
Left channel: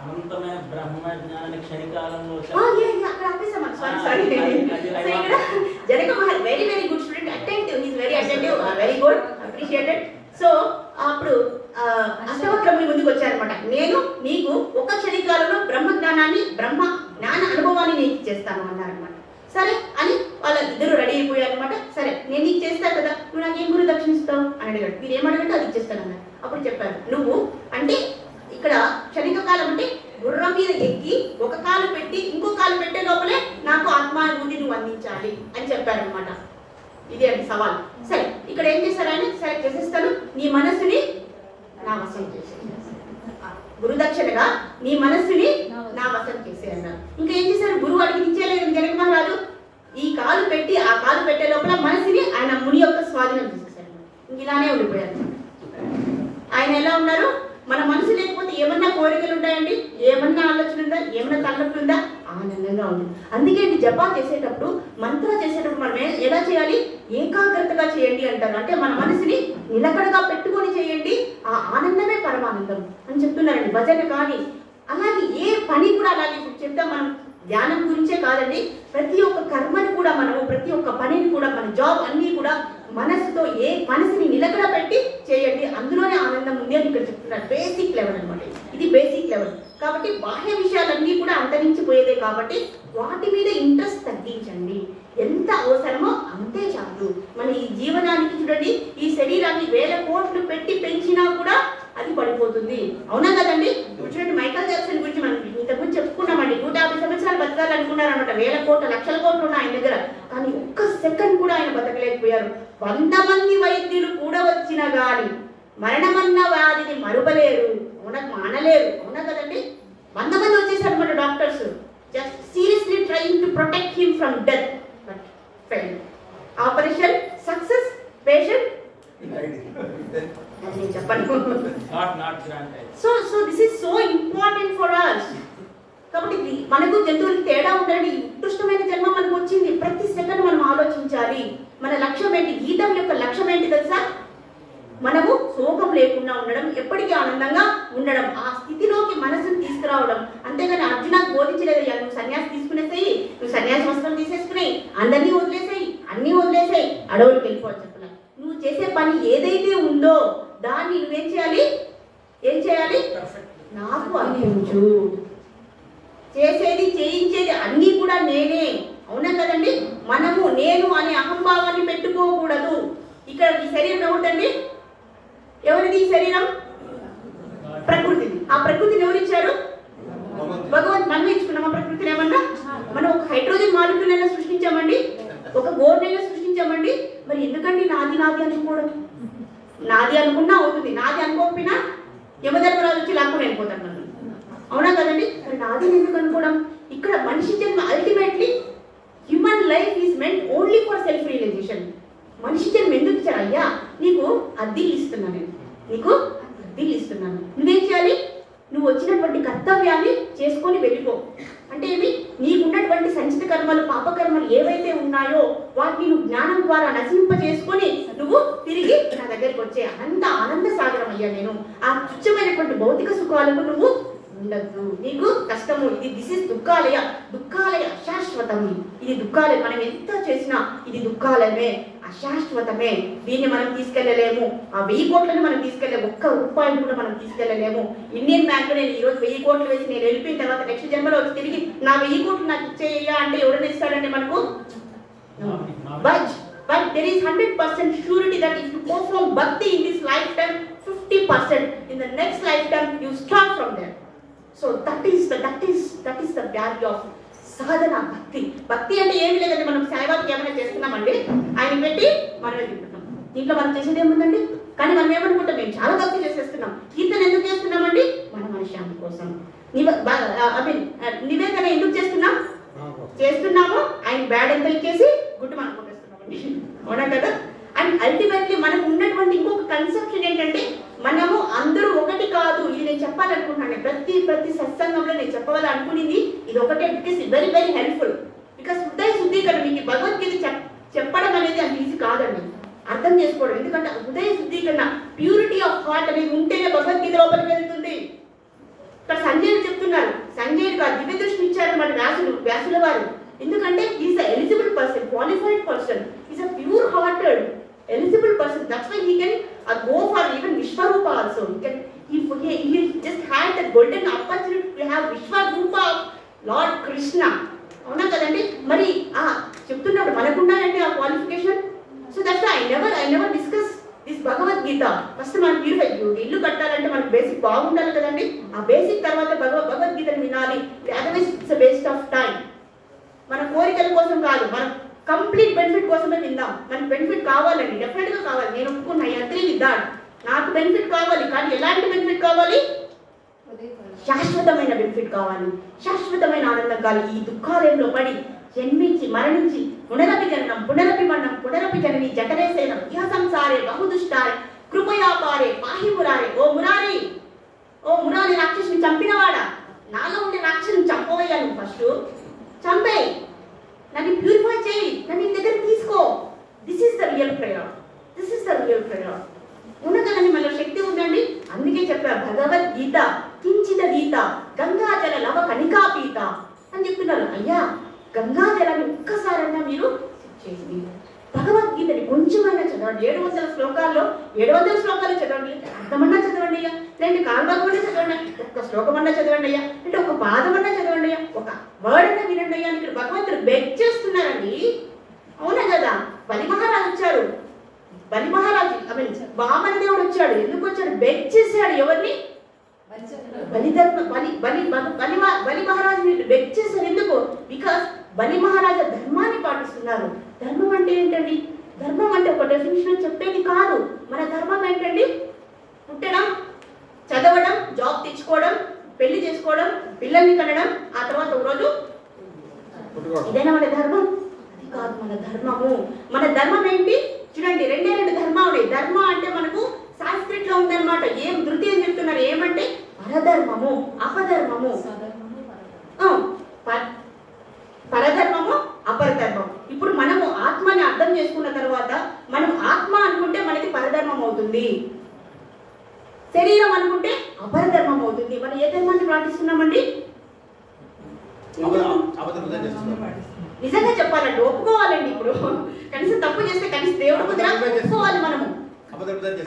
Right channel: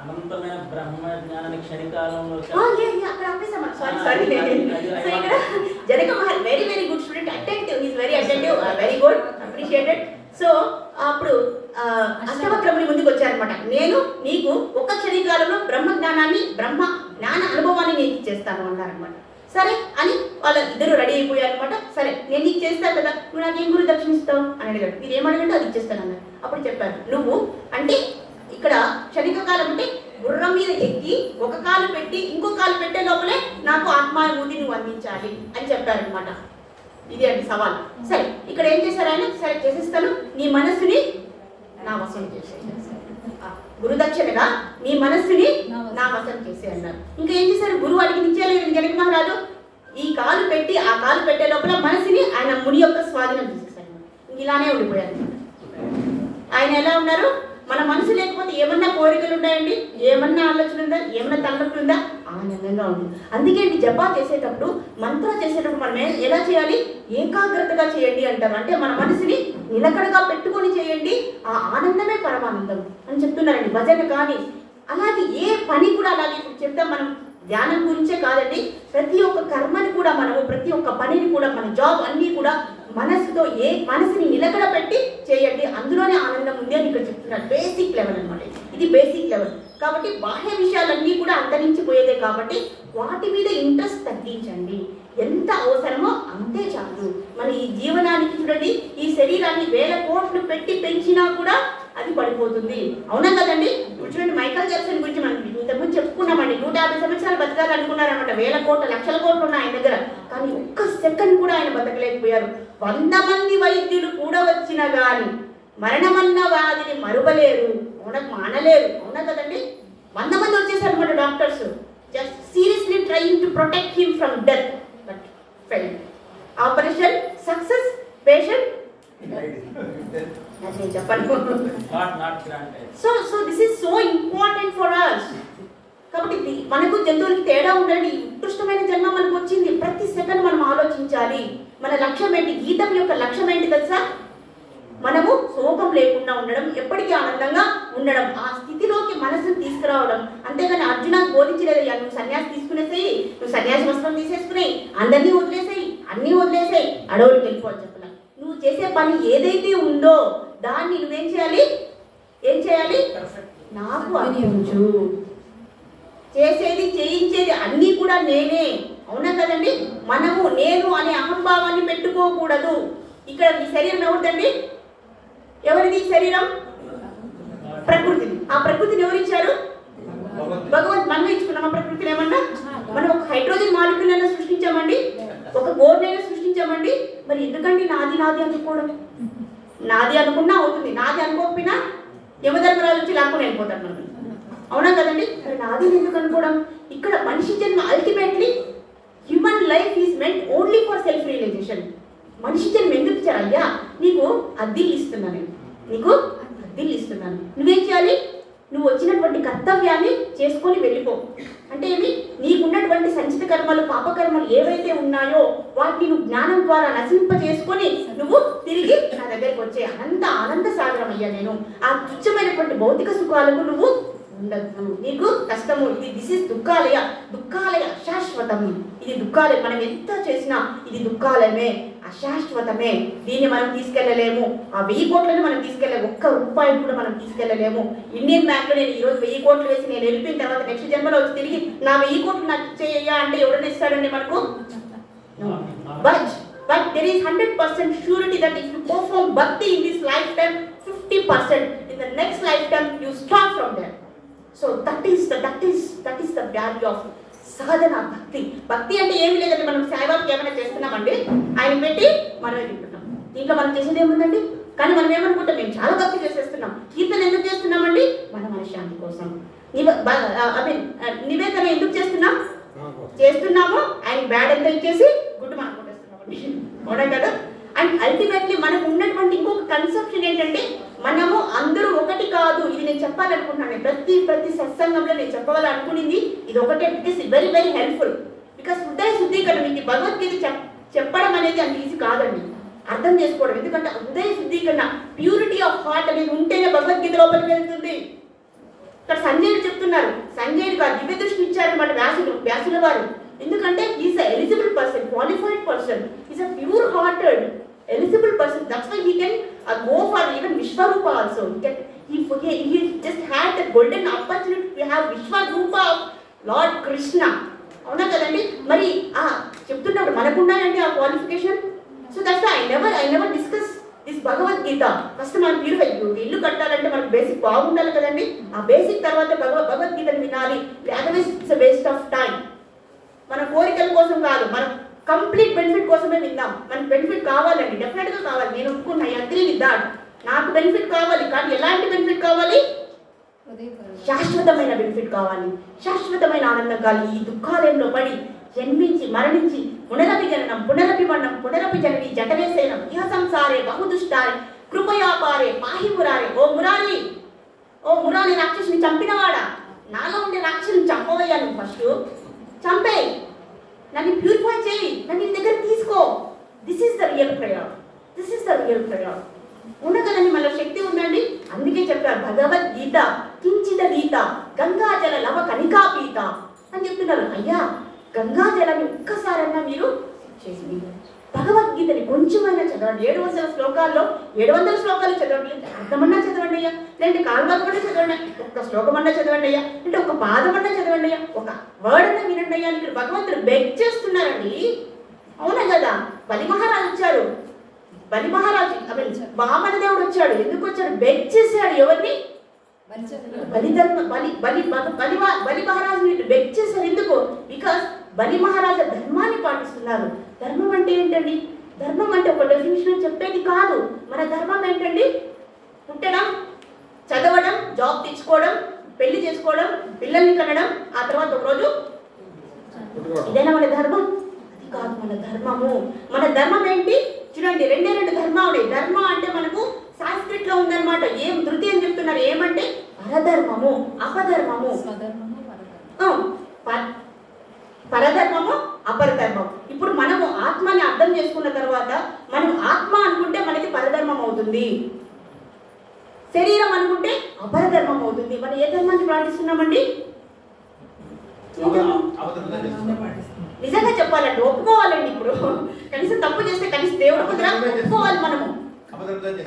అనంతమైన బ్రహ్మజ్ఞానాన్ని క్షణికాలంలో అక్కడ ఆపేసాం. సారీ. ఇక్కడ జనక మహర్షి very very good student, attentive, he is very attentive, very good, appreciated. So అప్పుడు అష్టవక్రముని ముందుకు వచ్చారనమాట. నేను నీకు ఒక్క క్షణికాలంలో బ్రహ్మ జ్ఞానాన్ని, బ్రహ్మ జ్ఞాన అనుభవాన్ని నేను చేస్తాను అన్నారనమాట. సరే అని వాళ్ళ ఇద్దరు రెడీ అయిపోయారు అనమాట. సరే నేను నీకు చేస్తా కదా, నువ్వు నాకేం గురు దక్షిణ ఇస్తావు అని అడిగాడు. మీరు ఏమడగంటే అది ఇచ్చేస్తాను అన్నారు. అప్పుడు చెప్పాను, నువ్వు అంటే ఇక్కడ క్షణిక కాలం అంటే గుర్రం మీద ఎక్కి ఒక కాలు పెట్టి ఇంకో కాలు పెట్టే లోపలే నాకు ఆత్మానుభూతి నువ్వు అందించాలి అని చెప్పారనమాట. ఇదే అండి సవాల్. సరే ఇక్కడ ఏం చేశారు ఆయన, సరే చేసేస్తాను, నీ మనస్సుని నా వశం చేసే, గురుదక్షిణగా నీ మనస్సుని నా వశం చేసే అన్నారు. ఇంకా ఏం చేశారు, గురువు అడిగి ఇచ్చేయలేదు జనక మహారాజు. ఈ కాలు పెట్టి ఆ కాలు పెట్టే లోపల మనసుని ఆయన ముని యొక్క స్వాధీనం చేసేసారు. ఇలానే ఉండిపోయారు. ఆయన ఎలా ఉన్నారు, మన మనసు లేకపోతే ఏమన్నా కోరికలు ఉంటాయండి, ఏమన్నా ఆలోచన ఉందా, ఏమన్నా తలనొప్పి ఉందా, ఆనందంగా ఉంది. అందుకే జపా చేసేటప్పుడు మంత్ర చేసేటప్పుడు మనం ఎలా చేయాలి, ఏకాగ్రతగా చేయండి అంటారు. అంటే మన మనసుని నిలకడగా పెట్టుకొని చేయండి, ఆ ఆనందమే పరమానందం అని చెప్తున్నారండి. భజన కానీ అలాగే ఏ పని కూడా అలాగే ఇప్పుడు చెప్తాం. మనం ధ్యానం గురించే కాదండి, ప్రతి ఒక్క కర్మని కూడా మనము, ప్రతి ఒక్క పనిని కూడా, మన జాబ్ అన్నీ కూడా మనసుతో మనసుని నిలకడ పెట్టి చేయండి, అందులోనే ఆనందం ఉంది అని ఇక్కడ చెప్తున్నారు. బేసిక్ లెవెల్ అనమాట ఇది, బేసిక్ లెవెల్. కాబట్టి బాహ్య విషయాలన్నీ కూడా అంతరించిపోయేదే కాబట్టి వాటి మీద ఇంట్రెస్ట్ తగ్గించండి. ఎంత అవసరమో అంతే చాలు. మన ఈ జీవనానికి చూడండి, ఈ శరీరాన్ని 1000 కోట్లు పెట్టి పెంచినా కూడా అది పడిపోతుంది. అవునా కదండి? చూడండి మైకల్ జాక్సన్ గురించి మనం ఇంతకుముందు చెప్పుకున్నామండి. 150 సంవత్సరాలు బతకాలనుకున్నారనమాట. 1000 కోట్లు 1,00,000 కోట్లు ఉన్నాయి ఆయన దగ్గర. కానీ ఒక్క సెకండ్ కూడా ఆయన బతకలేకపోయారు. 100 మంది వైద్యులు కూడా వచ్చినా గాని మరణమన్న వ్యాధిని మరుపలేరు, మానలేరు. అవునా కదండి? 100 మంది వచ్చేసారు అనమాట doctors, just seriously trying to protect him from death, but fail. Operation success, patient చెప్పండి. So this is so important for us. కాబట్టి మనకు జంతువులకి తేడా ఉండండి. ఉత్కృష్టమైన జన్మ మనకు వచ్చింది. ప్రతి సెకండ్ మనం ఆలోచించాలి. మన లక్ష్యం ఏంటి? గీతం యొక్క లక్ష్యం ఏంటి తెలుసా? మనము శోకం లేకుండా ఉండడం, ఎప్పటికీ ఆనందంగా ఉండడం, ఆ స్థితిలోకి మనసును తీసుకురావడం. అంతేగాని అర్జునకు బోధించలేదు, నువ్వు సన్యాసి తీసుకునేసేయి, నువ్వు సన్యాసి వస్త్రం తీసేసుకునేయి, అందరినీ వదిలేసేయి, అన్నీ వదిలేసేయి, అడవులకు వెళ్ళిపోవాలి చెప్పలే. నువ్వు చేసే పని ఏదైతే ఉందో దాన్ని నువ్వేం చేయాలి? ఏం చేయాలి? నాకు అర్పించు. చేసేది చేయించేది అన్నీ కూడా నేనే. అవునా కదండి? మనము నేను అనే అహంభావాన్ని పెట్టుకోకూడదు. ఇక్కడ ఈ శరీరం ఎవరిదండి? ఎవరిది శరీరం? ప్రకృతి. ఆ ప్రకృతిని ఎవరిచ్చారు? భగవంత్. మనం ఇచ్చుకున్నాం ఆ ప్రకృతిని. ఏమన్నా మనం ఒక హైడ్రోజన్ మాలిక్యూల్ సృష్టించామండి, ఒక గోర్నైనా సృష్టించామండి. మరి ఎందుకండి నాది నాది అనుకోవడం? నాది అనుకున్నా అవుతుంది, నాది అనుకోకపోయినా యమధర్మరాజు వచ్చి లాక్కుని వెళ్ళిపోతాడు. అవునా కదండి? మరి నాది ఎందుకు అనుకోవడం? ఇక్కడ మనిషి జన్మ ultimately human life is meant only for self realization. మనిషి జన్మ ఎందుకు ఇచ్చారు? అయ్యా నీకు అద్దీలు ఇస్తున్నాను, నీకు అద్దీలు ఇస్తున్నాను, నువ్వేం చేయాలి? నువ్వు వచ్చినటువంటి కర్తవ్యాన్ని చేసుకొని వెళ్ళిపో. అంటే ఏమి? నీకున్నటువంటి సంచిత కర్మలు, పాపకర్మలు ఏవైతే ఉన్నాయో వాటిని నువ్వు జ్ఞానం ద్వారా నశింపజేసుకొని నువ్వు తిరిగి నా దగ్గరికి వచ్చే అంత ఆనంద సాగరం అయ్యా నేను. ఆ తుచ్చమైనటువంటి భౌతిక సుఖాలకు నువ్వు ఉండద్దు, నీకు కష్టము. ఇది దిస్ ఇస్ దుఃఖాలయ. దుఃఖాలయ అశాశ్వతం. ఇది దుఃఖాలయం. మనం ఎంత చేసినా ఇది దుఃఖాలయమే, అశాశ్వతమే. దీన్ని మనం తీసుకెళ్లలేము. ఆ 1000 కోట్లని మనం తీసుకెళ్ళలేము. ఒక్క రూపాయి కూడా మనం తీసుకెళ్లలేము. ఇండియన్ బ్యాంక్ లో నేను ఈరోజు 1000 కోట్లు వేసి నేను వెళ్ళిపోయిన తర్వాత నెక్స్ట్ జన్మలో వచ్చి తిరిగి నా 1000 కోట్లు నాకు ఇచ్చేయ్యా అంటే ఎవరైనా ఇస్తాడండి మనకు? But there is 100% surety that if you go from bhakti in this lifetime, 50% in the next lifetime you start from there. So that is the value of sadhana bhakti. Bhakti అంటే ఏమి లేదండి, మనం సాయిబాబాకి ఏమైనా చేస్తున్నామండి, ఆయన పెట్టి మనమే తింటున్నాం. దీంట్లో మనం చేసేది ఏముందండి? కానీ మనం ఏమనుకుంటాం, మేము చాలా భక్తి చేసేస్తున్నాం. కీర్తన ఎందుకు చేస్తున్నామండి? మన మనశ్శాంతి కోసం. నివేదన ఎందుకు చేస్తున్నాము? ఆయన బ్యాడ్ ఎంత ఇచ్చేసి గుడ్డు మనం కొట్టేస్తున్నామండి. అవునా కదా? అండ్ అల్టిమేట్లీ మనకు ఉన్నటువంటి ఇంకొక కన్సెప్షన్ ఏంటంటే, మనము అందరూ ఒకటి కాదు. ఇది నేను చెప్పాలనుకుంటున్నాను. ప్రతి సత్సంగంలో నేను చెప్పాలనుకునింది ఇది ఒకటే. It is very very helpful. Because హృదయ శుద్ధీకరణ, మీకు భగవద్గీత చెప్పడం అనేది అంత ఈజీ కాదండి, అర్థం చేసుకోవడం. ఎందుకంటే హృదయ శుద్ధీకరణ, ప్యూరిటీ ఆఫ్ హార్ట్ అనేది ఉంటేనే భగవద్గీత లోపలికి వెళ్తుంది. ఇక్కడ సంజయుడు చెప్తున్నారు, సంజయుడు కాదు దివ్య దృష్టిని ఇచ్చారన్నమాట వ్యాసుల వారు. ఎందుకంటే is a eligible person, qualified person, is a pure hearted eligible person. That's why he can go for even Vishwarupa also. He just had the golden opportunity to have Vishwarupa of Lord Krishna. అవునా కదండి? మరి చెప్తున్నాడు మనకున్నాయండి కట్టాలంటే మనకు basic బాగుండాలి కదండి. ఆ basic తర్వాత భగవద్గీతను వినాలి. Otherwise it's waste of time. మన కోరికల కోసం కాదు, మన కంప్లీట్ బెనిఫిట్ కోసమే విందాం. మనకు బెనిఫిట్ కావాలండి, డెఫినెట్ గా కావాలి. నేను ఒప్పుకున్నా, ఐ అగ్రీ విత్ దట్. నాకు బెనిఫిట్ కావాలి, కానీ ఎలాంటి బెనిఫిట్ కావాలి? శాశ్వతమైన బెనిఫిట్ కావాలి, శాశ్వతమైన ఆనందం కావాలి. ఈ దుఃఖాలయంలో పడి జన్మించి మరణించి పునరపి జననం పునరపి మరణం పునరపి జనని జఠరేసేనం ఇహ సంసారే బహుదుష్టారే కృపయా పారే పాహి మురారే. ఓ మురారి రాక్షసుని చంపినవాడా, నాలో ఉండే రాక్షసుని చంపవయ్యా. నువ్వు ఫస్ట్ చంపే, నన్ను ప్యూరిఫై చేయి, నన్ను నీ దగ్గర తీసుకో. This is the real prayer, this is the real prayer. ఉండగలని మన శక్తి ఉండండి. అందుకే చెప్పారు భగవద్గీత కించిత గీత గంగాజల లవ కణికా పీత అని చెప్తున్నారు. అయ్యా, గంగాజలాన్ని ఒక్కసారన్నా మీరు చేసి భగవద్గీతని కొంచెమైనా చదవండి. 700 శ్లోకాల్లో 700 శ్లోకాలు చదవండి, అర్థమన్నా చదవండి అయ్యా, లేదంటే కాల్బాగ్ కూడా చదవండి, ఒక్క శ్లోకమన్నా చదవండి అయ్యా, అంటే ఒక పాదమన్నా చదవండి అయ్యా, ఒక వర్డ్ అన్నా వినండి అయ్యా. ఇక్కడ భగవంతుడు బెగ్ చేస్తున్నారండి. అవునా కదా? బలి మహారాజు వచ్చాడు, బలి మహారాజు వామన దేవుడు వచ్చాడు. ఎందుకు వచ్చాడు? బెగ్ చేశాడు. ఎవరిని? బలి మహారాజు బెగ్ చేశారు. ఎందుకు? బికాస్ బలి మహారాజు ధర్మాన్ని పాటిస్తున్నారు. ధర్మం అంటే ఏంటండి? ధర్మం అంటే ఒక డెఫినేషన్ చెప్పేది కాదు. మన ధర్మం ఏంటండి? పుట్టడం, చదవడం, జాబ్ తెచ్చుకోవడం, పెళ్లి చేసుకోవడం, పిల్లల్ని కనడం, ఆ తర్వాత ఒకరోజు ఇదేనా మన ధర్మం? అది కాదు మన ధర్మము. మన ధర్మం ఏంటి? చూడండి, రెండే ధర్మం ఉన్నాయి. ధర్మ అంటే మనకు సాంస్క్రిట్ లో ఉందన్నమాట. ఏం ధృతి అని చెప్తున్నారు? ఏమంటే పరధర్మము, అపధర్మము. పరధర్మము, అపరధర్మం. ఇప్పుడు మనము ఆత్మని అర్థం చేసుకున్న తర్వాత మనం ఆత్మ అనుకుంటే మనకి పరధర్మం అవుతుంది, శరీరం అనుకుంటే అపరధర్మం అవుతుంది. మనం ఏ ధర్మాన్ని పాటిస్తున్నామండి? నిజంగా చెప్పాలండి, ఒప్పుకోవాలండి. ఇప్పుడు కనీసం తప్పు చేస్తే కనీసం దేవుడు కుదర ఒప్పుకోవాలి. మనము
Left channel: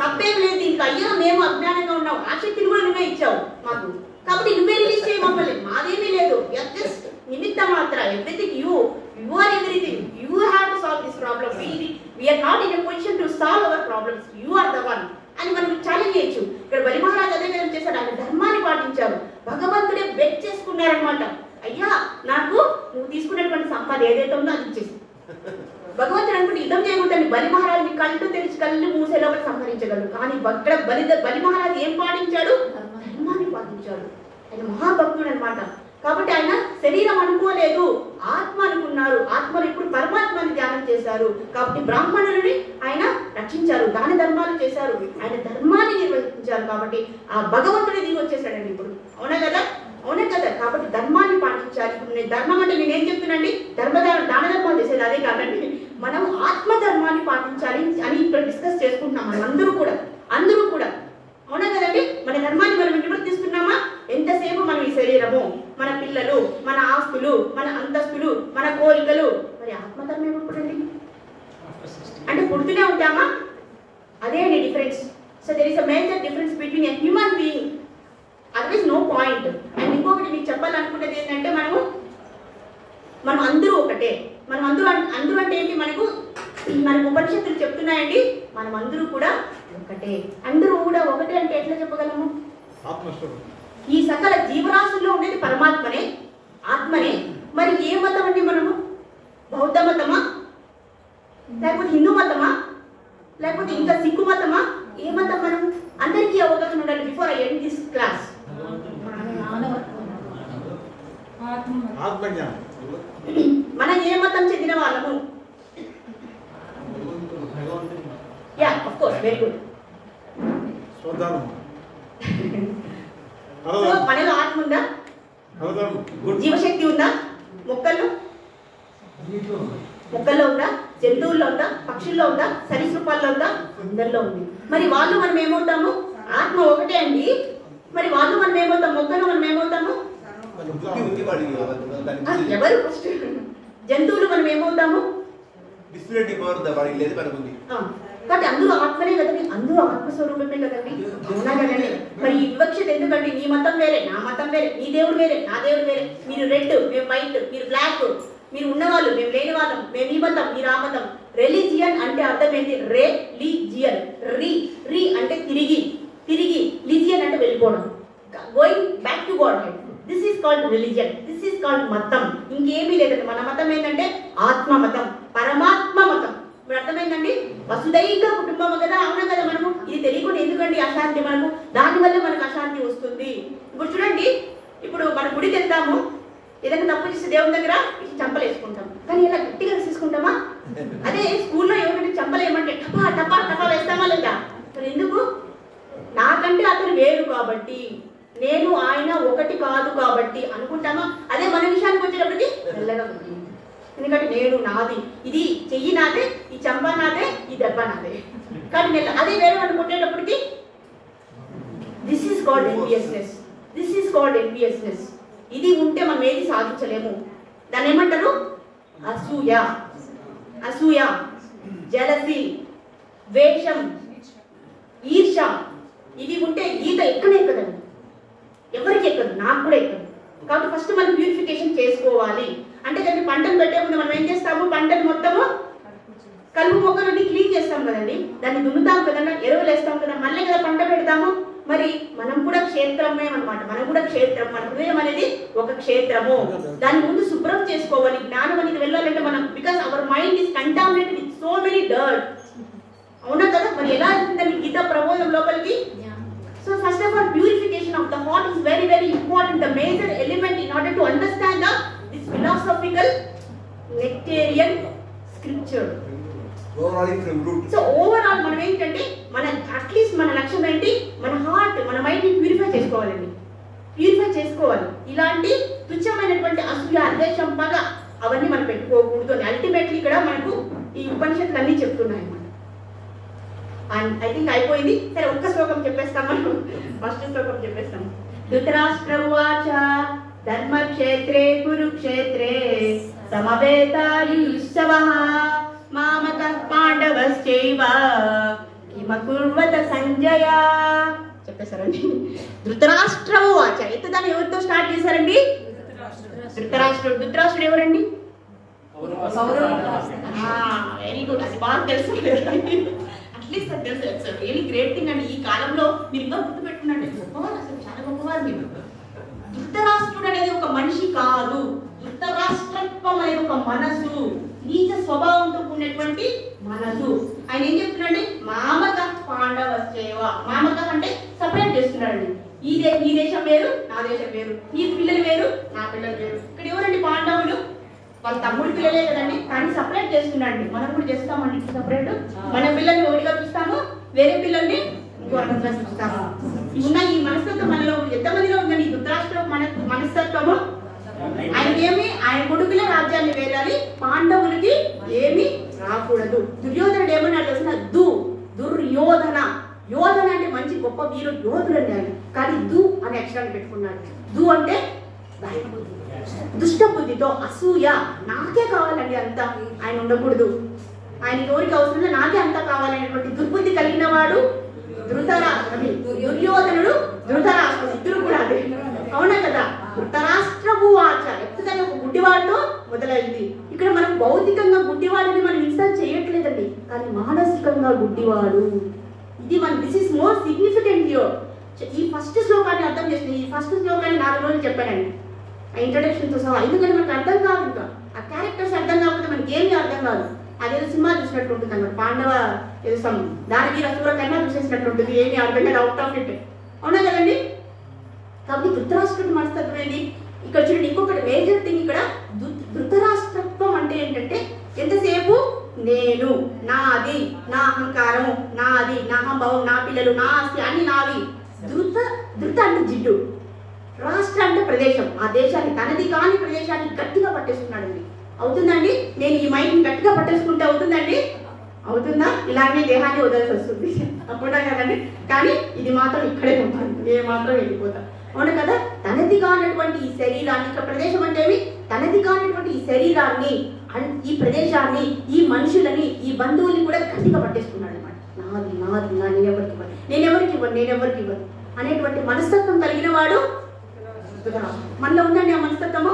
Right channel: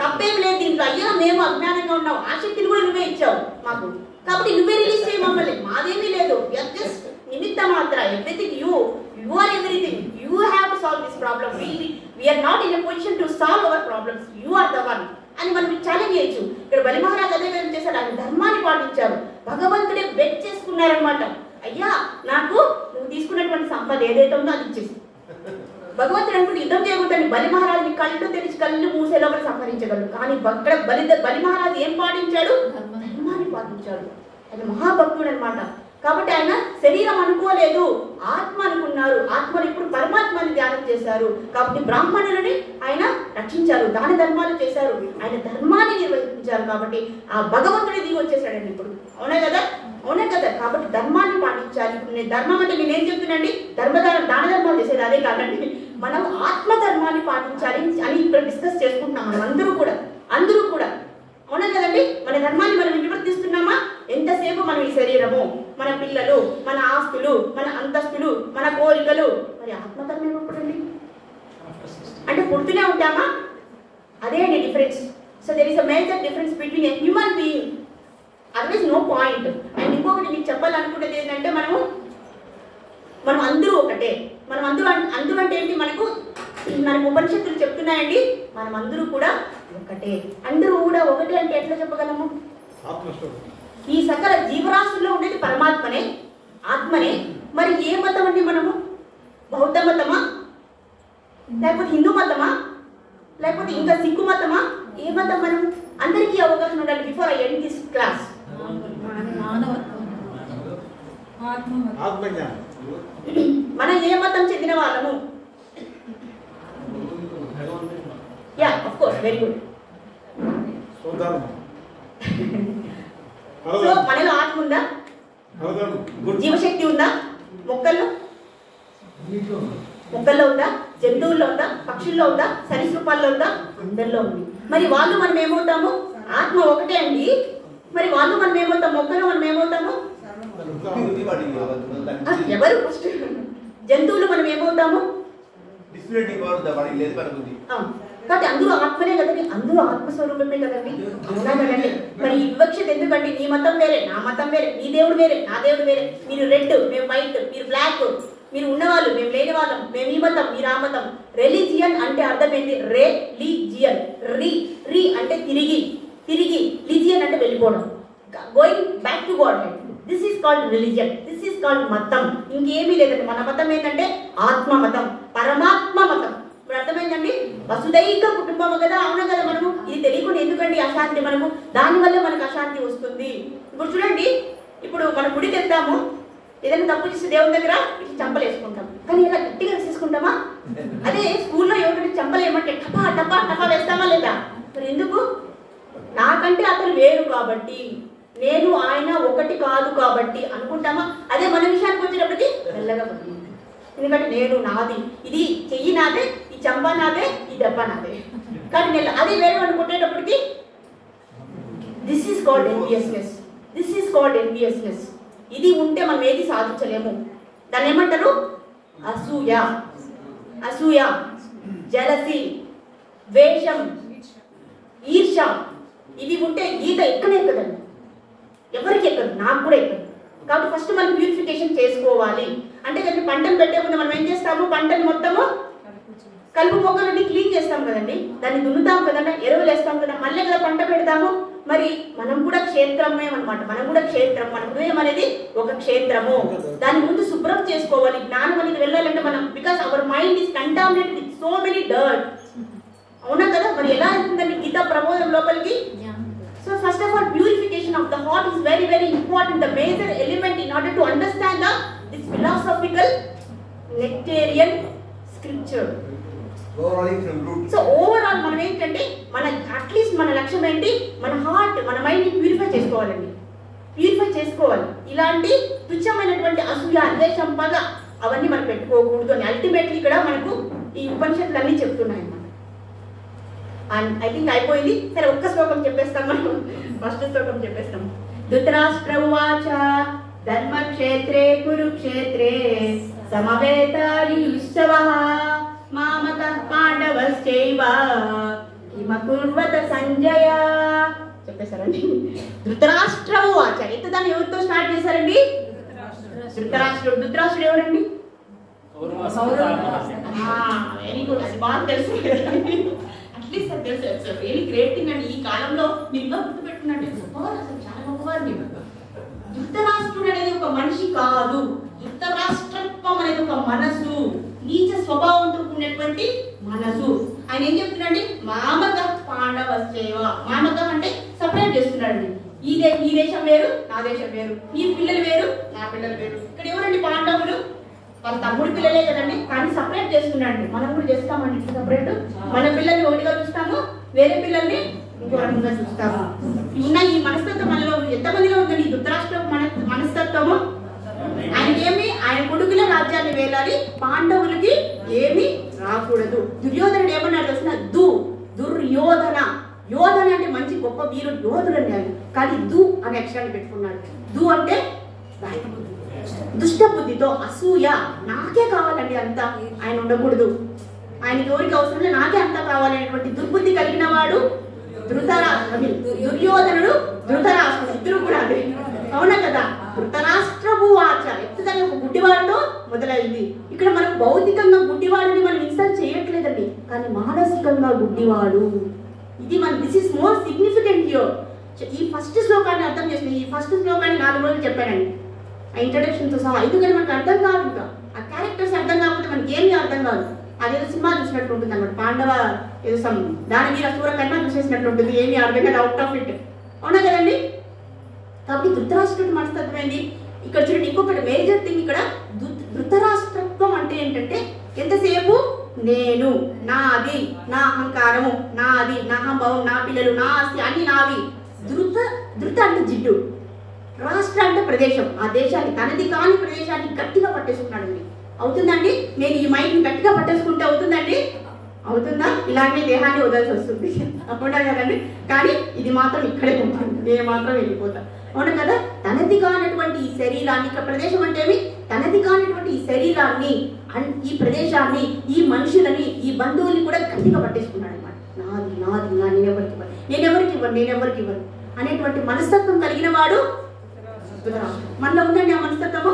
తప్పేం లేదు దీంట్లో. అయ్యో మేము అజ్ఞానంగా ఉన్నాం, ఆ శక్తిని కూడా నువ్వే ఇచ్చావు మాకు, కాబట్టి నువ్వే రిలీజ్ చేయ మమ్మల్ని. మాదేమీ లేదు, జస్ట్ నిమిత్త మాత్ర. Everything you are everything. You have to solve this problem. We're not in a position to solve our problems. You are the one అని మనం ఛాలెంజ్ చేయొచ్చు. ఇక్కడ బలి మహారాజు అదే ఏం చేశాడు? ఆయన ధర్మాన్ని పాటించారు. భగవంతుడే బెగ్ చేసుకున్నారనమాట. అయ్యా, నాకు నువ్వు తీసుకున్నటువంటి సంపద ఏదైతే ఉందో అది ఇచ్చేసి. భగవంతుడు అనుకుంటే యుద్ధం చేయకూడదని బలి మహారాజుని కళ్ళు తెరిచి కళ్ళు మూసే లోపల సంహరించగలరు. కానీ అక్కడ బలి మహారాజు ఏం పాటించాడు? ధర్మాన్ని పాటించాడు. ఆయన మహాభక్తుడు అనమాట. కాబట్టి ఆయన శరీరం అనుకోలేదు, ఆత్మ అనుకున్నారు. ఆత్మను ఇప్పుడు పరమాత్మని ధ్యానం చేశారు. కాబట్టి బ్రాహ్మణులని ఆయన రక్షించారు, దాని ధర్మాలు చేశారు, ఆయన ధర్మాన్ని నిర్వహించారు. కాబట్టి ఆ భగవంతుడి దిగి వచ్చేసాడండి ఇప్పుడు. అవునా కదా? అవునా కదా? కాబట్టి ధర్మాన్ని పాటించాలి. ఇప్పుడు నేను ధర్మం అంటే నేనేం చెప్తున్నాండి? దాన ధర్మాలు చేసేది అదే కాదండి. మనం ఆత్మ ధర్మాన్ని పాటించాలి అని ఇప్పుడు డిస్కస్ చేసుకుంటున్నాం మనం అందరూ కూడా. అవునా కదండి? మన ధర్మాన్ని మనం నిర్వర్తిస్తున్నామా? ఎంతసేపు మనం ఈ శరీరము, మన పిల్లలు, మన ఆస్తులు, మన అంతస్తులు, మన కోరికలు, మరి ఆత్మధర్మం ఎప్పుడండి? అంటే పుడుతూనే ఉంటామా? అదే అండి difference. So there is a major difference between a human being, otherwise no point. And ఇంకొకటి మీకు చెప్పాలనుకునేది ఏంటంటే మనం అందరూ ఒకటే. మనం అందరూ అంటే ఏంటి? మనకు ఉపనిషత్తులు చెప్తున్నాయండి, మనం అందరూ కూడా ఒకటే. అందరూ కూడా ఒకటే అంటే ఎట్లా చెప్పగలము? ఈ సకల జీవరాశుల్లో ఉండేది పరమాత్మనే, ఆత్మనే. మరి ఏ మతం అండి మనము? బౌద్ధ మతమా, లేకపోతే హిందూ మతమా, లేకపోతే ఇంకా సిక్కు మతమా? ఏ మతం మనం? అందరికీ అవగాహన ఉండాలి before I end this class. మనం ఏ మతం చెందిన వాళ్ళము? Yeah, of course, very good. So మనలో ఆత్మ ఉందా? జీవశక్తి ఉందా? మొక్కల్లో ఉందా? జంతువుల్లో ఉందా? పక్షుల్లో ఉందా? సరీసృపాల్లో ఉందా? అందరిలో ఉంది. మరి వాళ్ళు మనం ఏమవుతాము? ఆత్మ ఒకటే అండి. మరి వాళ్ళు మనం ఏమవుతాం? మొక్కలు మనం ఏమవుతాము? ఎవరు ఫస్ట్? జంతువులు మనం ఏమవుతాము? కాబట్టి అందరూ ఆత్మనే కదండి, అందరూ ఆత్మస్వరూపమే కదండి. అవునా కదండి? మరి ఈ వివక్షత ఎందుకండి? నీ మతం వేరే, నా మతం వేరే, నీ దేవుడు వేరే, నా దేవుడు వేరే, మీరు రెడ్, మేము వైట్, మీరు బ్లాక్, మీరు ఉన్నవాళ్ళు, మేము లేని వాళ్ళం, మేము ఈ మతం, మీరు ఆ మతం. రిలీజియన్ అంటే అర్థం ఏంటి? రిలీజియన్. రీ అంటే తిరిగి, వెళ్ళిపోవడం, going back to God head. This is called religion, this is called మతం. ఇంకేమీ లేదండి. మన మతం ఏంటంటే ఆత్మ మతం, పరమాత్మ మతం. ఇప్పుడు అర్థమైందండి? వసుదైక కుటుంబం కదా, అవునా కదా? మనము ఇది తెలియకుండా ఎందుకండి అశాంతి మనకు? దానివల్ల మనకు అశాంతి వస్తుంది. ఇప్పుడు చూడండి, ఇప్పుడు మన గుడికి వెళ్తాము, ఏదైనా తప్పు చేస్తే దేవుని దగ్గర చంపలు వేసుకుంటాం, కానీ ఇలా గట్టిగా వేసుకుంటామా? అదే స్కూల్లో ఎవరికైనా చంపలు ఏమంటే టపా టపా టపా వేస్తామా లేదా? మరి ఎందుకు? నాకంటే అతను వేరు కాబట్టి, నేను ఆయన ఒకటి కాదు కాబట్టి అనుకుంటామా? అదే మన విషయానికి వచ్చేటప్పటికి మెల్లగా ఉంటుంది. ఎందుకంటే నేను నాది, ఇది చెయ్యి నాదే, ఈ చంప నాదే, ఈ దెబ్బ నాదే. కానీ అదే వేరే వాళ్ళు కొట్టేటప్పటికి this is called enviousness, this is called enviousness. ఇది ఉంటే మనం ఏది సాధించలేము. దాన్ని ఏమంటారు? అసూయ, అసూయ, జలసి, ద్వేషం, ఈర్ష. ఇవి ఉంటే గీత ఎక్కడే ఎక్కదండి, ఎవరికి ఎక్కదు, నాకు కూడా ఎక్కదు. కాబట్టి ఫస్ట్ మనం ప్యూరిఫికేషన్ చేసుకోవాలి. అంటే దాన్ని పంటను పెట్టే ముందు మనం ఏం చేస్తాము? పంటను మొత్తము కలుపు మొక్కలన్నీ క్లీన్ చేస్తాం కదండి, దాన్ని దున్నుతాం కదండి, ఎరువులు వేస్తాం కదా, మళ్ళీ కదా పంట పెడతాము. మరి మనం కూడా క్షేత్రమే అనమాట, మనం కూడా క్షేత్రం. మన హృదయం అనేది ఒక క్షేత్రము. దాని ముందు శుభ్రం చేసుకోవాలి. జ్ఞానం అనేది వెళ్ళాలంటే మనం, because our mind is contaminated with so many dirt. అవునా కదా? మరి ఎలా అవుతుందండి గీతా ప్రబోధం లోపలికి? So first of all, purification of the heart is very, very important. The major element in order to understand this philosophical nectarian scripture. So overall, మనం ఏంటంటే మన అట్లీస్ట్ మన లక్ష్యం ఏంటి? మన హార్ట్, మన మైండ్ ని ప్యూరిఫై చేసుకోవాలండి, ప్యూరిఫై చేసుకోవాలి. ఇలాంటి తుచ్చమైనటువంటి అసూయ, అద్వేషం, పగ అవన్నీ మనం పెట్టుకోకూడదు అని అల్టిమేట్లీ ఇక్కడ మనకు ఈ ఉపనిషత్తులు అన్నీ చెప్తున్నాయి. అండ్ ఐ థింక్ అయిపోయింది. సరే, ఒక్క శ్లోకం చెప్పేస్తాం మనం. ఫస్ట్ శ్లోకం చెప్పేస్తాం. ధృతరాష్ట్ర ఉవాచ ధర్మక్షేత్రే కురుక్షేత్రే సమవేతాయుశ్చవః మామకః పాండవశ్చైవ కిమకుర్వత సంజయ. చెప్పేశారండి. ధృతరాష్ట్ర ఉవాచ. దాన్ని ఎవరితో స్టార్ట్ చేశారండి? ధృతరాష్ట్రుడు. ధృతరాష్ట్రుడు ఎవరండి? వెరీ గుడ్, అది బాగా తెలుసు. అట్లీస్ట్ అది తెలుసు. వెరీ గ్రేట్ థింగ్ అండి. ఈ కాలంలో మీరు ఇంకా గుర్తు పెట్టుకున్నాడు, గొప్పవారు, అసలు చాలా గొప్పవారు మీరు. ధృతరాష్ట్రుడు అనేది ఒక మనిషి కాదు. ధృతరాష్ట్రత్వం అనేది ఒక మనసు, నీచ స్వభావంతో ఉన్నటువంటి మనసు. ఆయన ఏం చెప్తున్నాడండి? మామక పాండవశ్చైవ. మామక అంటే సపరేట్ చేస్తున్నాడు. ఈ దేశం వేరు, నా దేశం వేరు, నీ పిల్లలు వేరు, నా పిల్లలు వేరు. ఇక్కడ ఎవరండి? పాండవులు. వాళ్ళ తమ్ముడి పిల్లలే కదండి, కానీ సపరేట్ చేస్తున్నాడు. మనం కూడా చేస్తామండి సపరేట్. మన పిల్లల్ని ఒకటిగా చూస్తాము, వేరే పిల్లల్ని ఇంకో రకంగా చూస్తాము. ఉన్న ఈ మనస్తత్వం మనలో ఎంతమందిలో ఉందండి? ఈ ధృతరాష్ట్ర మనస్తత్వము. ఆయనకేమి, ఆయన కొడుకుల రాజ్యాన్ని వేలాలి, పాండవులకి ఏమి రాకూడదు. దుర్యోధనుడు ఏమన్నాడు తెలిసిన? దుర్యోధన. యోధన అంటే మంచి గొప్ప వీరుడు, యోధుడు అండి ఆయన. కానీ అనే అక్షరాన్ని పెట్టుకున్నాడు. అంటే దుష్ట బుద్ధితో, అసూయ, నాకే కావాలండి అంతా, ఆయన ఉండకూడదు, ఆయనకి ఎవరికి అవసరం లేదు, నాకే అంతా కావాలనేటువంటి దుర్బుద్ధి కలిగిన వాడు దుర్యోధనుడు, ధృతరాష్ట్రుడు. ఇద్దరు కూడా అదే, అవునా కదా? ధృతరాష్ట్రము వాచ ఎప్పుడైనా ఒక గుడ్డివాడితో మొదలైంది. ఇక్కడ మనం భౌతికంగా గుడ్డివాడిని మనం ఇన్సల్ట్ చేయట్లేదండి, కానీ మానసికంగా గుడ్డివాడు. ఇది మన this is more significant here. ఈ ఫస్ట్ శ్లోకాన్ని అర్థం చేసిన, ఈ ఫస్ట్ శ్లోకాన్ని 4 రోజులు చెప్పానండి ఇంట్రడక్షన్ తో సహా. ఎందుకంటే మనకు అర్థం కాదు, ఇంకా ఆ క్యారెక్టర్స్ అర్థం కాకపోతే మనకి ఏమీ అర్థం కాదు. అదేదో సినిమా చూసినట్టు ఉంటుంది అన్నమాట. పాండవ ఏదో దానవీర సూర కన్నా చూసేసినట్టు ఉంటుంది, ఏమీ అర్థం కాదు, అవుట్ ఆఫ్ ఇట్. అవునా కదండి? కాబట్టి ధృతరాష్ట్రుడి మనస్తత్వం ఏంటి? ఇక్కడ చూడండి, ఇంకొకటి మేజర్ థింగ్ ఇక్కడ. ధృతరాష్ట్రత్వం అంటే ఏంటంటే ఎంతసేపు నేను, నాది, నా అహంకారము, నాది, నా అహంభావం, నా పిల్లలు, నా ఆస్తి అన్ని నావి. ధృత అంటే జిడ్డు, రాష్ట్ర అంటే ప్రదేశం, ఆ దేశాన్ని, తనది కాని ప్రదేశాన్ని గట్టిగా పట్టేసుకున్నాడు. అవుతుందండి? నేను ఈ మైండ్ గట్టిగా పట్టేసుకుంటే అవుతుందండి? అవుతుందా? ఇలాంటి దేహాన్ని వదల్సి వస్తుంది, అప్పుడా కదండి? కానీ ఇది మాత్రం ఇక్కడే ఉంటుంది, నేను మాత్రం వెళ్ళిపోతా. అవును కదా? తనది కానటువంటి ఈ శరీరాన్ని, ఇక్కడ ప్రదేశం అంటే తనది కానటువంటి ఈ శరీరాన్ని, ఈ ప్రదేశాన్ని, ఈ మనుషులని, ఈ బంధువుల్ని కూడా గట్టిగా పట్టేసుకున్నాడు అనమాట. నాది నాది నా, నేనెవరికి ఇవ్వను, నేనెవరికి ఇవ్వను, నేనెవరికి ఇవ్వను అనేటువంటి మనస్తత్వం కలిగిన వాడు మనలో ఉందండి. ఆ మనస్తత్వము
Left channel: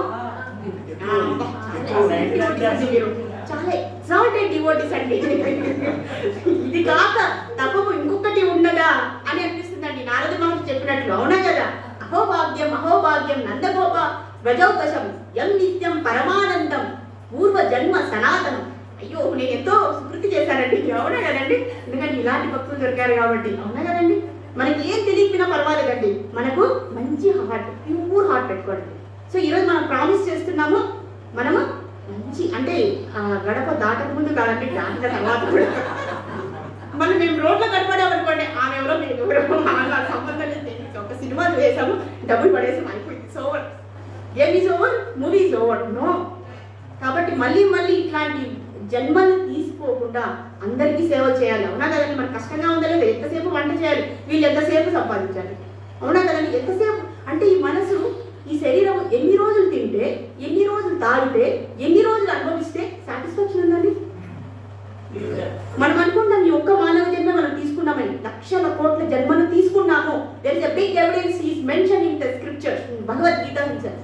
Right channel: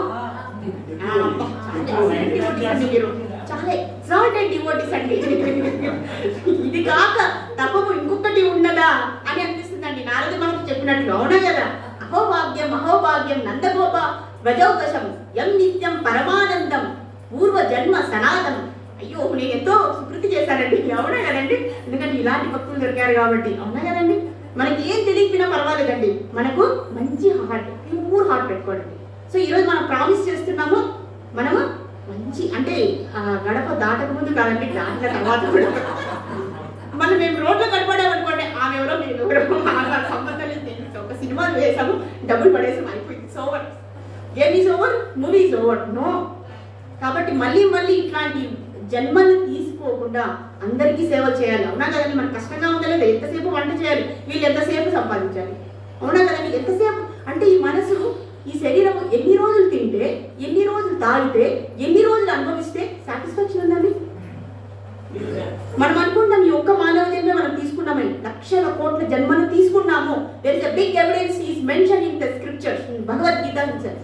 చాలా ఎగ్జాల్టెడ్ డివోటీస్ అండి. ఇది కాక తప్పకు ఇంకొకటి ఉండదా అని అనిపిస్తుందండి, నారద మహర్షి చెప్పినట్లు. అవునా కదా, అహోభాగ్యం అహోభాగ్యం నందగోప వ్రజౌకశం యం నిత్యం పరమానందం పూర్వ జన్మ సనాతనం. అయ్యో నేను ఎంతో సుకృతి చేశానండి. అవునా కదండి? ఎందుకంటే ఇలాంటి భక్తులు దొరికారు కాబట్టి. అవునా కదండి? మనకి ఏం తెలియకపోయినా పర్వాలేదండి, మనకు మంచి హార్ట్, ప్యూర్ హార్ట్ పెట్టుకోండి. సో ఈరోజు మనం ప్రామిస్ చేస్తున్నాము, మనము మంచి అంటే గడప దాటక ముందు కాదండి, దాటిన తర్వాత కూడా మనం మేము రోడ్లో కనపడామనుకోండి, ఆమె ఎవరో మేము ఎవరో మాకు సంబంధం లేదు. ఒక సినిమాలు వేసాము, డబ్బులు పడేసాము, అయిపోయింది, it's over. Game is over, movie is over. No. కాబట్టి మళ్ళీ మళ్ళీ ఇట్లాంటి జన్మలు తీసుకోకుండా అందరికీ సేవ చేయాలి. అవునా కదండి? మనకు కష్టంగా ఉందా లేదా? ఎంతసేపు వంట చేయాలి, వీళ్ళు ఎంతసేపు సంపాదించాలి. అవునా కదండి? ఎంతసేపు అంటే ఈ మనసు, ఈ శరీరం ఎన్ని రోజులు తింటే, ఎన్ని రోజులు తాగితే, ఎన్ని రోజులు అనుభవిస్తే సాటిస్ఫాక్షన్ ఉందండి? మనం అనుకుంటాం ఈ ఒక్క మానవ జన్మ మనం తీసుకున్నామని, లక్షల కోట్ల జన్మను తీసుకున్నాము. There is a big evidence is mention in the scriptures, Bhagavad Gita himself.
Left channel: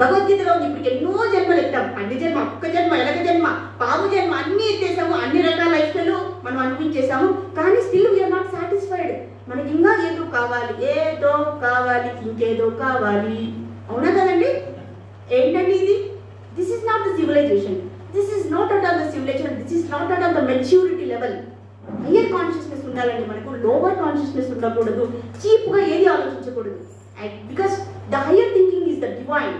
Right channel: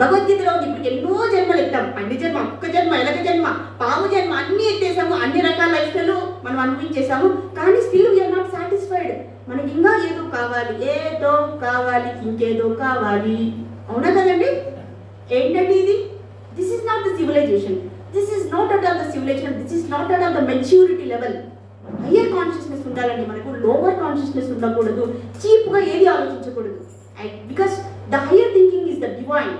భగవద్గీతలో ఇప్పుడు ఎన్నో జన్మలు ఎత్తాం, పంది జన్మ, కుక్క జన్మ, ఎలక జన్మ, పాము జన్మ, అన్ని ఎత్తేసాము, అన్ని రకాల లైఫ్ స్టైల్ మనం అనిపించేసాము. కానీ స్టిల్ వీఆర్ నాట్ సాటిస్ఫైడ్. మనకి ఇంకా ఏదో కావాలి, ఏదో కావాలి, ఇంకేదో కావాలి. అవునా కదండి? ఏంటండి ఇది? This is not the civilization. This is not at all the civilization. This is not at all the maturity level. Higher consciousness ఉండాలండి మనకు, లోవర్ కాన్షియస్నెస్ ఉండకూడదు. చీప్గా ఏది ఆలోచించకూడదు. Because the higher thinking is the divine.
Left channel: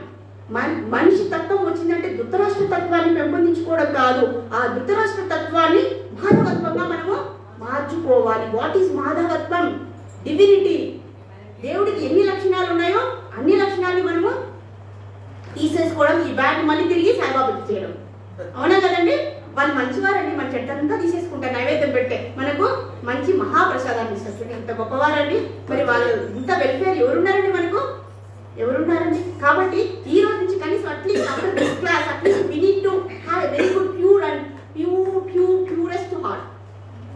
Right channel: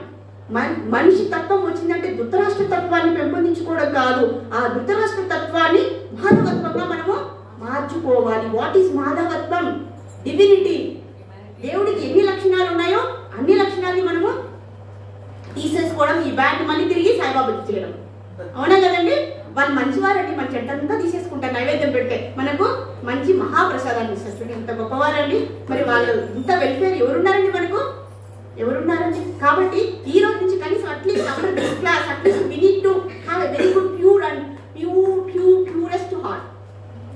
మనిషి తత్వం వచ్చిందంటే ధృతరాష్ట్ర తత్వాన్ని పెంపొందించుకోవడం కాదు, ఆ ధృతరాష్ట్ర తత్వాన్ని మాధవత్వంగా మనము మార్చుకోవాలి. వాట్ ఈస్ మాధవత్వం? డివినిటీ. దేవుడికి ఎన్ని లక్షణాలు ఉన్నాయో అన్ని లక్షణాన్ని మనము తీసేసుకోవడం, ఈ బ్యాట్ మళ్ళీ తిరిగి సాయిబాబాకి చేయడం. అవునా కదండి? వాళ్ళు మంచివారండి, మన చెట్టంతా తీసేసుకుంటారు నైవేద్యం పెడితే, మనకు మంచి మహాప్రసాదాన్ని ఇస్తారు. ఎంత గొప్పవారండి. మరి వాళ్ళు ఇంత వెల్ఫేర్ ఎవరున్నారండి మనకు? ఎవరున్నారండి? కాబట్టి ఈ రోజు నుంచి కనీసం at least our this class, at least we need to have a very good pure and purest heart.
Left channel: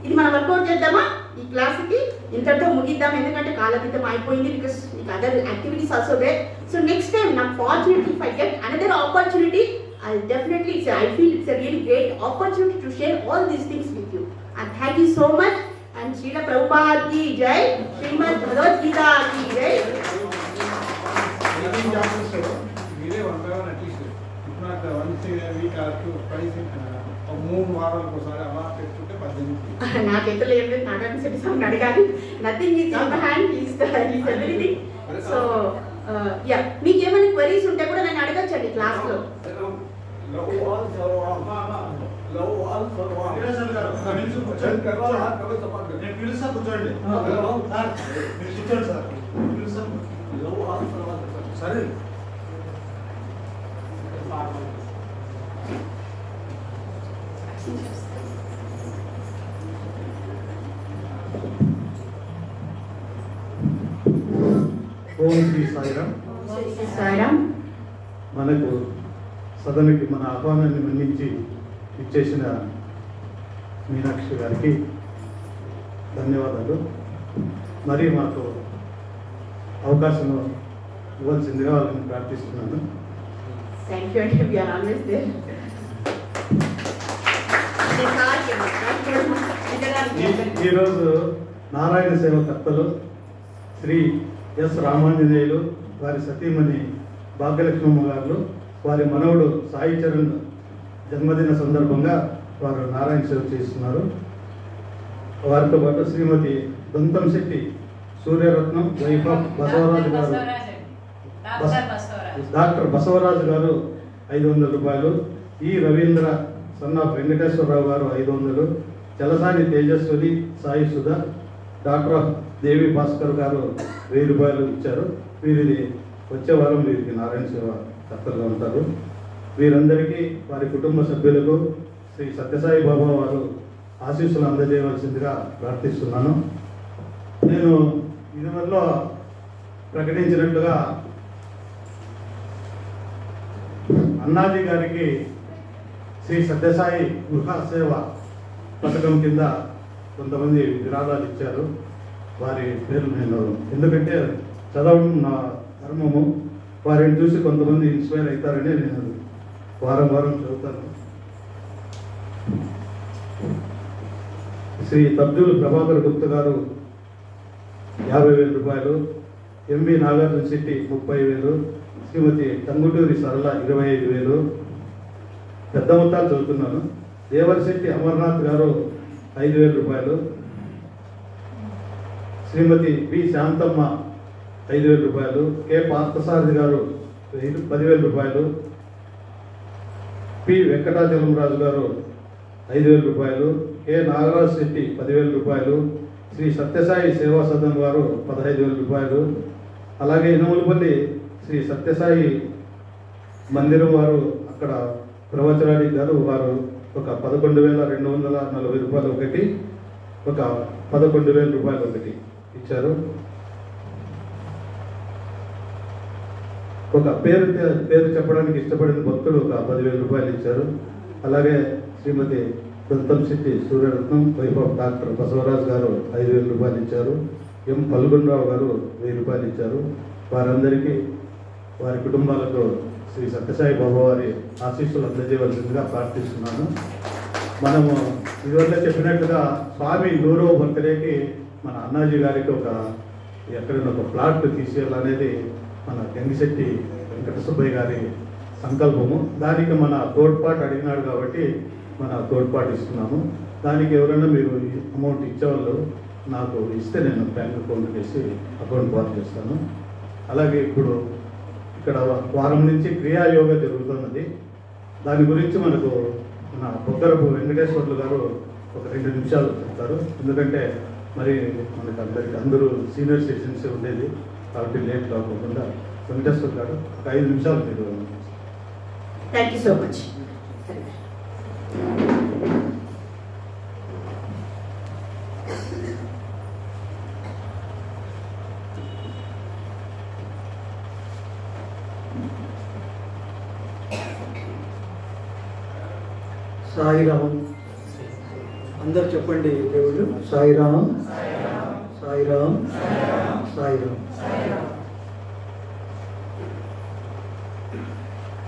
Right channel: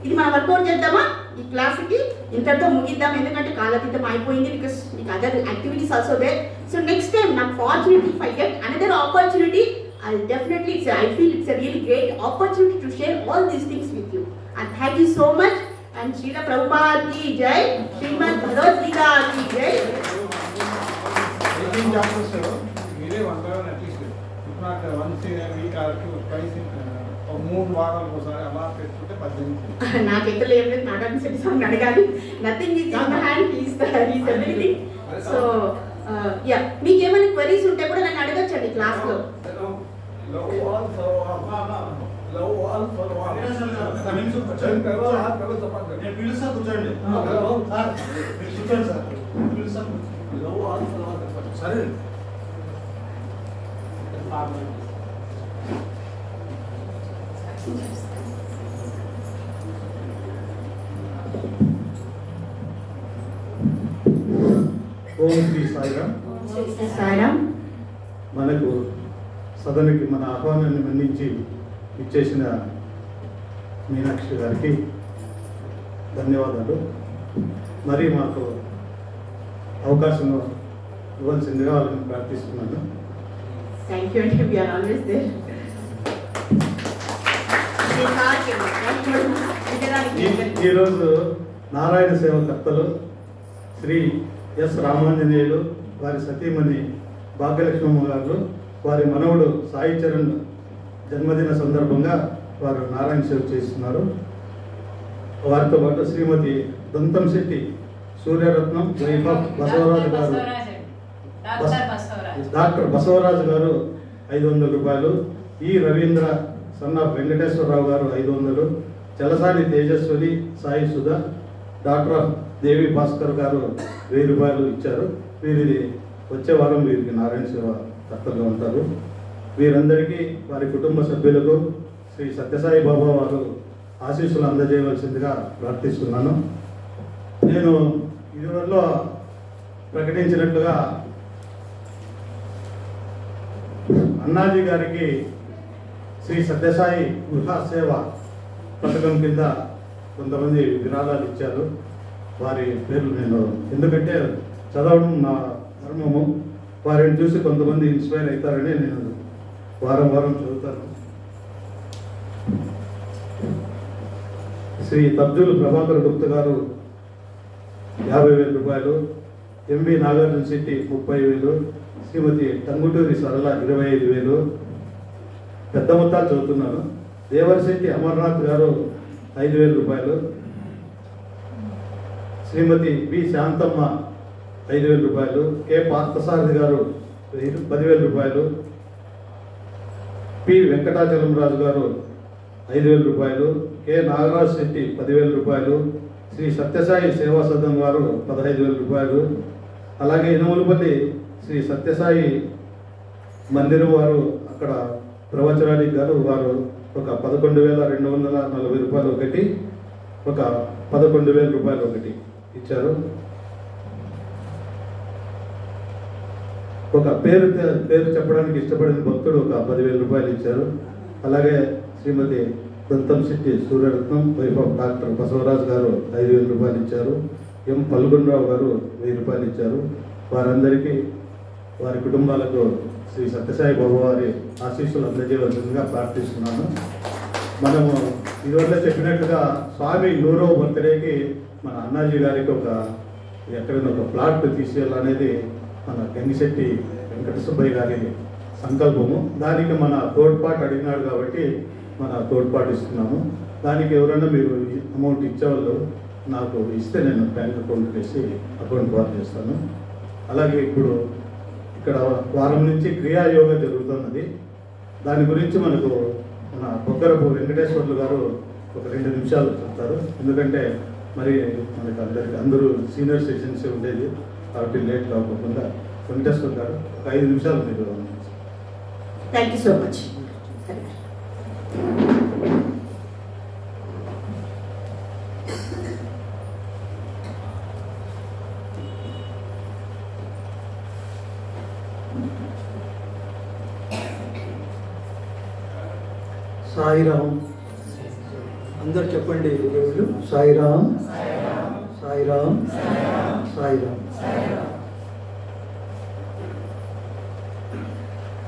ఇది మనం వర్కౌట్ చేద్దామా? ఈ క్లాస్కి ఇంతటితో ముగిద్దాం, ఎందుకంటే కాలతీతం అయిపోయింది. బికాస్ మీకు other activities also there. So next time నాకు fortunately if I get another opportunity, I'll definitely say I feel it's a really great opportunity to share all these things with you. And thank you so much. And Srila Prabhupada ki jai, Srimad Bhagavad Gita ki jai. 18 chapters మీరే 1 by 1 at least, if not once in a week or twice in ఒక 3 వారాలకు ఒకసారి అలా పెట్టుకుంటే 18. నాకైతే లేదు, Nagarjuna Shetty sir అడగాలి. Nothing is in the hand, is everything. So yeah, మీకు ఏమైనా క్వరీస్ ఉంటే కూడా నన్ను అడగచ్చండి క్లాస్లో. సరే ఓం శ్రీ సాయిరామ్. సాయిరామ్. మనకు సదనకి మన ఆహ్వానాన్ని మన్నించి ఇచ్చేసిన మీనాక్షి గారికి ధన్యవాదాలు. మరి మాకు అవకాశం ఇవ్వాల్సిందిగా వాళ్ళని ప్రార్థిస్తున్నాను. థ్యాంక్ యూ అండి, వీఆర్ ఆల్వేస్ దేర్. ఈరోజు నారాయణ సేవకర్తలు శ్రీ ఎస్ రామాంజనేయులు, వారి సతీమణి భాగ్యలక్ష్మమ్మ గారు, వారి మనవడు సాయి చరణ్ జన్మదిన సందర్భంగా వారు నారాయణ సేవ చేస్తున్నారు. వారితో పాటు శ్రీమతి దంతం శెట్టి సూర్యరత్నం, వైఫ్ ఆఫ్ బసవరాజు గారు, డాక్టర్ బసవరాజు గారు 500 రూపాయలు, ఈ రవీంద్ర సన్న వెంకటేశ్వరరావు గారు 500, చలసాని తేజస్వరి సాయి సుధా, డాక్టర్ ఆఫ్ దేవి భాస్కర్ గారు 1000 రూపాయలు ఇచ్చారు. వీరి వచ్చే వారం వీరికి నారాయణ సేవ కర్తలుగా ఉంటారు. వీరందరికీ వారి కుటుంబ సభ్యులకు శ్రీ సత్యసాయి బాబా వారు ఆశీస్సులు అందజేయవలసిందిగా ప్రార్థిస్తున్నాను. నేను ఇదివరలో ప్రకటించినట్లుగా అన్నాజీ గారికి శ్రీ సత్యసాయి గృహ సేవ పథకం కింద కొంతమంది విరాళాలు ఇచ్చారు. వారి పేర్లు నేను ఎందుకంటే చదవడం నా ధర్మము, వారిని చూసి కొంతమంది ఇన్స్పైర్ అవుతారని నేను వారం వారం చదువుతాను. శ్రీ తబ్జులు ప్రభాకర్ గుప్త గారు 50,000 రూపాయలు, ఎంవి నాగార్జున శెట్టి 30,000, శ్రీమతి టంగుటూరి సరళ 25,000. పెద్ద మొత్తాలు చదువుతున్నాను. దేవరశెట్టి అమర్నాథ్ గారు 5,000 రూపాయలు. శ్రీమతి బి శాంతమ్మ 5,000 రూపాయలు. కె పార్థసారథి గారు 10,000 రూపాయలు. పి వెంకటాచలంరాజు గారు 5,000 రూపాయలు. కె నాగరాజ్ శెట్టి 10,000 రూపాయలు. శ్రీ సత్యసాయి సేవా సదన్ గారు 15,000 రూపాయలు. అలాగే ఇనుములపల్లి శ్రీ సత్యసాయి మందిరం వారు అక్కడ ప్రవచనానికి గారు వారు ఒక 11,240 రూపాయలు ఒకటి, ఒక 11,000 రూపాయలు ఒకటి ఇచ్చారు. ఒక పేరు చెప్పడానికి ఇష్టపడిన భక్తుడు ఒక 10,000 రూపాయలు ఇచ్చారు. అలాగే శ్రీమతి దంతంశెట్టి సూర్యరత్నం వైఫ్ ఆఫ్ డాక్టర్ బసవరాజ్ గారు 5,000 రూపాయలు ఇచ్చారు. ఎం పల్గొండరావు గారు 1,000 రూపాయలు ఇచ్చారు. వారందరికీ వారి కుటుంబాలకు శ్రీ సత్యసాయి బాబు వారి ఆశీస్సులు అందజేయవలసిందిగా ప్రార్థిస్తున్నాను. మనము ఇదివల్ల చెప్పినట్టుగా స్వామి 100వ బర్త్డేకి మన అన్నాజీ గారికి ఎక్కడైనా ఒక ప్లాట్ తీసేయాలనేది మన గంగిశెట్టి వెంకట సుబ్బయ్య గారి సంకల్పము. దానికి మన తోడ్పాటు అడిగినాడు కాబట్టి మన తోడ్పాటు ఇస్తున్నాము. దానికి ఎవరైనా మీరు అమౌంట్ ఇచ్చేవాళ్ళు నాకు ఇస్తే నేను బ్యాంక్ అకౌంట్ వేసి అకౌంట్ వారు చేస్తాను. అలాగే ఇప్పుడు ఇక్కడ వారం నుంచి క్రియాయోగా జరుగుతున్నది. దాని గురించి మనకు మన బొగ్గరపు వెంకటేశ్వర్లు గారు ఒక 2 నిమిషాలు చెప్తారు. ఎందుకంటే మరి మనకు అందరూ సీనియర్ సిటిజన్స్ ఉండేది కాబట్టి లేట్ కాకుండా వెంకటేశ్వర్ గారు ఒక 5 నిమిషాలు మీరు. Thank you so much. Sairam. అందరు చెప్పండి దేవుళ్ళు. సాయిరామ్, సాయిరామ్, సాయిరామ్.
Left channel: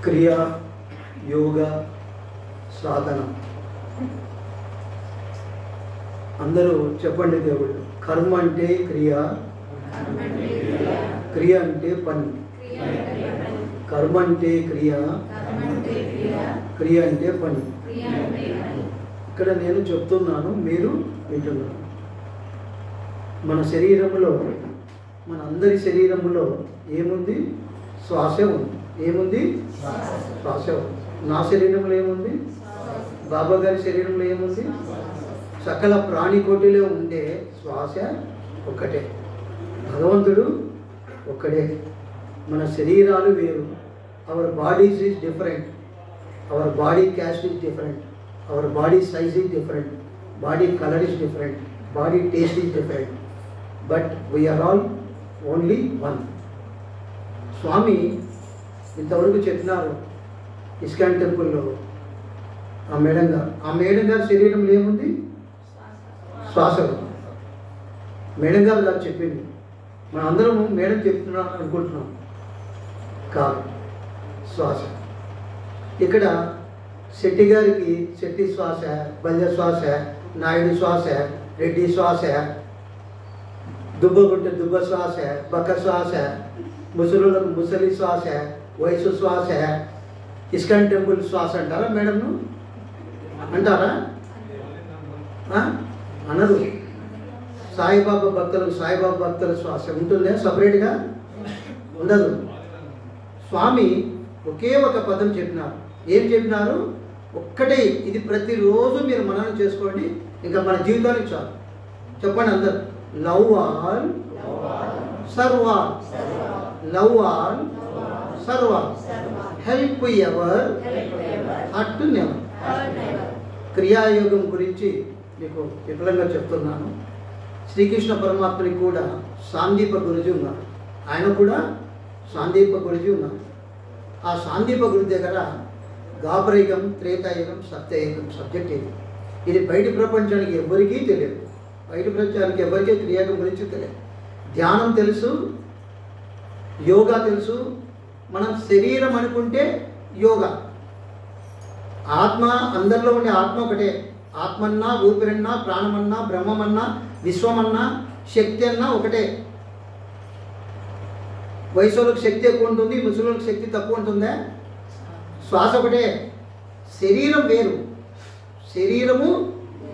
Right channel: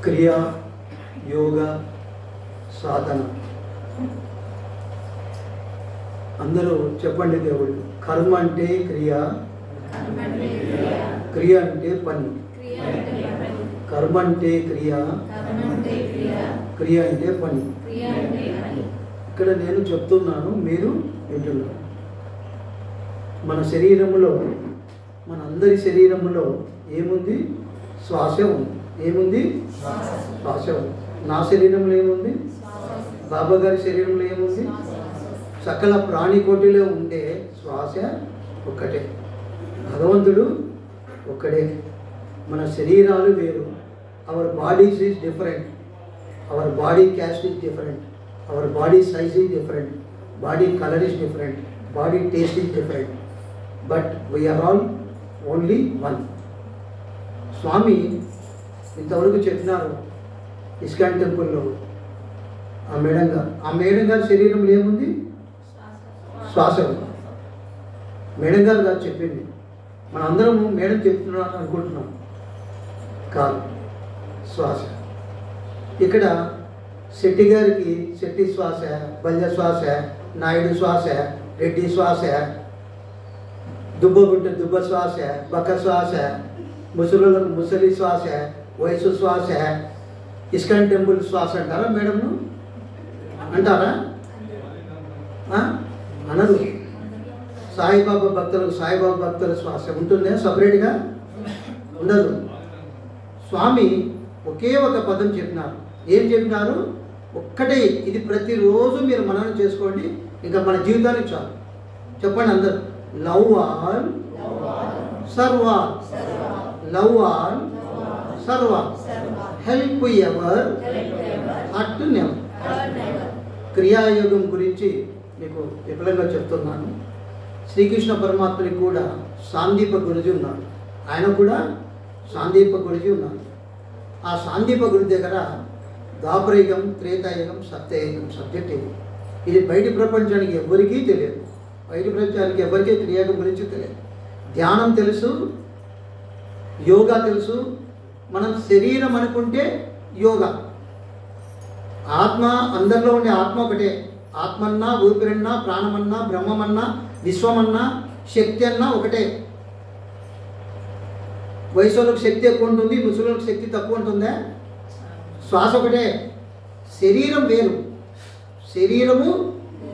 క్రియ, యోగ, సాధన. అందరూ చెప్పండి దేవుళ్ళు. కర్మ అంటే క్రియ, క్రియ అంటే పని. కర్మ అంటే క్రియ, క్రియ అంటే పని. ఇక్కడ నేను చెప్తున్నాను, మీరు వింటున్నారు. మన శరీరంలో, మన అందరి శరీరంలో ఏముంది? శ్వాసే ఉంది. ఏముంది? శ్వాసే ఉంది. నా శరీరంలో ఏముంది? బాబా గారి శరీరంలో ఏముంది? సకల ప్రాణికోటిలో ఉండే శ్వాస ఒక్కటే. భగవంతుడు ఒక్కడే. మన శరీరాలు వేరు. Our bodies is different. Our body caste is different. Our body size is different. Body color is different. Body taste is different. But we are all only one. స్వామి ఇంతవరకు చెప్పినారు ఇస్కాన్ టెంపుల్లో ఆ మేడం గారి శరీరంలో ఏముంది? శ్వాస. మేడం గారు చెప్పింది. మనం అందరం మేడం చెప్తున్నారు అనుకుంటున్నాం. కాదు, శ్వాస. ఇక్కడ శెట్టి గారికి శెట్టి శ్వాస, బల్య శ్వాస, నాయుడు శ్వాస, రెడ్డి శ్వాస, దుబ్బగుంట దుబ్బ శ్వాస, బక్క శ్వాస, ముసలులకు ముసలి శ్వాస, వయసు శ్వాస. ఇస్కాన్ టెంపుల్ శ్వాస అంటారా మేడంను? అంటారా? అనరు. సాయిబాబా భక్తుల శ్వాస ఉంటుందే, సపరేట్గా ఉండదు. స్వామి ఒకే ఒక పదం చెప్పినారు. ఏం చెప్పినారు? ఒక్కటే. ఇది ప్రతిరోజు మీరు మననం చేసుకోండి, ఇంకా మన జీవితానికి చాలు. చెప్పండి అందరు. Love all, serve all. Love all, serve all. Help ever, hurt never. క్రియాయోగం గురించి మీకు విపులంగా చెప్తున్నాను. శ్రీకృష్ణ పరమాత్మనికి కూడా సాందీప గురుజీ ఉన్నారు. ఆయన కూడా సాందీప గురుజీ ఉన్నారు. ఆ సాందీప గురి దగ్గర ద్వాపరయుగం, త్రేతాయుగం, సత్యయుగం సబ్జెక్ట్ ఇది. ఇది బయటి ప్రపంచానికి ఎవరికీ తెలియదు. బయటి ప్రపంచానికి ఎవరికీ క్రియాయోగం గురించి తెలియదు. ధ్యానం తెలుసు, యోగా తెలుసు. మనం శరీరం అనుకుంటే యోగా. ఆత్మ, అందరిలో ఉండే ఆత్మ ఒకటే. ఆత్మన్నా, ఊపిరన్నా, ప్రాణమన్నా, బ్రహ్మమన్నా, విశ్వమన్నా, శక్తి అన్నా ఒకటే. వయసు వాళ్ళకి శక్తి ఎక్కువ ఉంటుంది, ముసలికి శక్తి తక్కువ ఉంటుందా? శ్వాస ఒకటే, శరీరం వేరు, శరీరము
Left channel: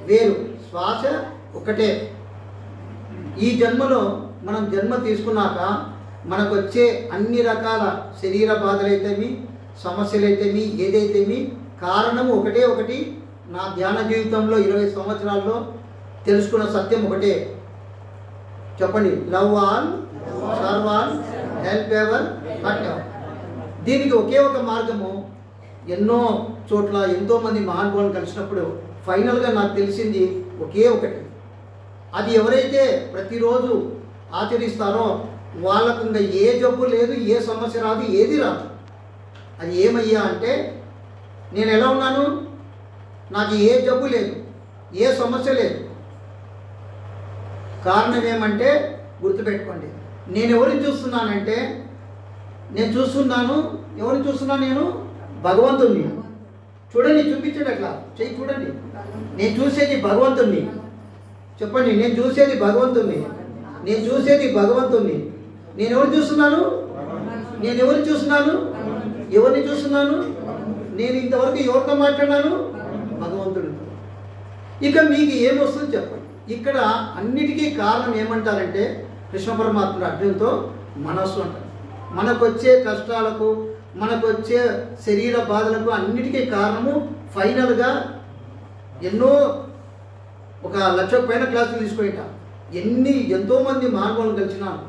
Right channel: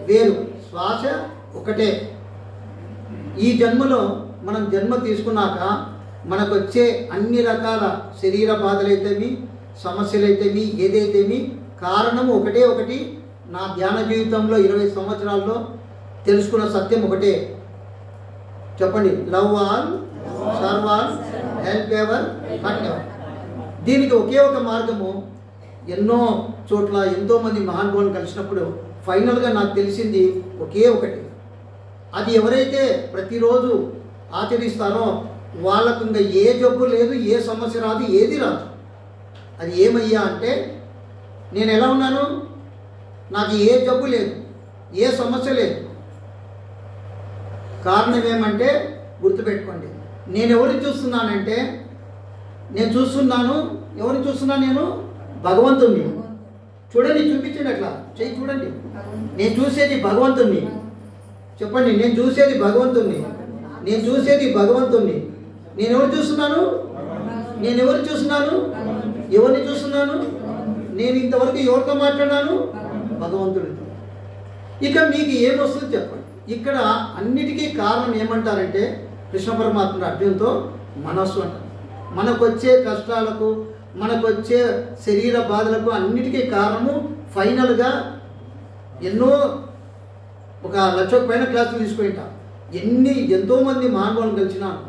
వేరు, శ్వాస ఒకటే. ఈ జన్మలో మనం జన్మ తీసుకున్నాక మనకు వచ్చే అన్ని రకాల శరీర బాధలైతేమి, సమస్యలైతేమి, ఏదైతేమి కారణము ఒకటే ఒకటి. నా ధ్యాన జీవితంలో 20 సంవత్సరాల్లో తెలుసుకున్న సత్యం ఒకటే. చెప్పండి, love all, serve all, help ever, hurt ever. దీనికి ఒకే ఒక మార్గము. ఎన్నో చోట్ల ఎంతోమంది మహానుభావులను కలిసినప్పుడు ఫైనల్గా నాకు తెలిసింది ఒకే ఒకటి. అది ఎవరైతే ప్రతిరోజు ఆచరిస్తారో వాళ్ళకు ఇంకా ఏ జబ్బు లేదు, ఏ సమస్య రాదు, ఏది రాదు. అది ఏమయ్యా అంటే, నేను ఎలా ఉన్నాను, నాకు ఏ జబ్బు లేదు, ఏ సమస్య లేదు. కారణం ఏమంటే గుర్తుపెట్టుకోండి, నేను ఎవరిని చూస్తున్నానంటే, నేను చూస్తున్నాను, ఎవరిని చూస్తున్నాను నేను? భగవంతుణ్ణి. చూడండి, చూపించండి, అట్లా చెయ్యి చూడండి. నేను చూసేది భగవంతుణ్ణి. చెప్పండి, నేను చూసేది భగవంతుణ్ణి, నేను చూసేది భగవంతుణ్ణి. నేను ఎవరు చూస్తున్నాను? నేను ఎవరు చూస్తున్నాను? ఎవరిని చూస్తున్నాను? నేను ఇంతవరకు ఎవరితో మాట్లాడినాను? భగవంతుడితో. ఇక మీకు ఏమొస్తుంది చెప్పండి. ఇక్కడ అన్నిటికీ కారణం ఏమంటారంటే, కృష్ణ పరమాత్ముడు అర్జున్తో మనస్సు అంటారు. మనకు వచ్చే కష్టాలకు, మనకు వచ్చే శరీర బాధలకు అన్నిటికీ కారణము ఫైనల్గా ఎన్నో 1,00,000 పైన క్లాసులు తీసుకుంటా. ఎంతోమంది మహానుభావులు కలిసినాను.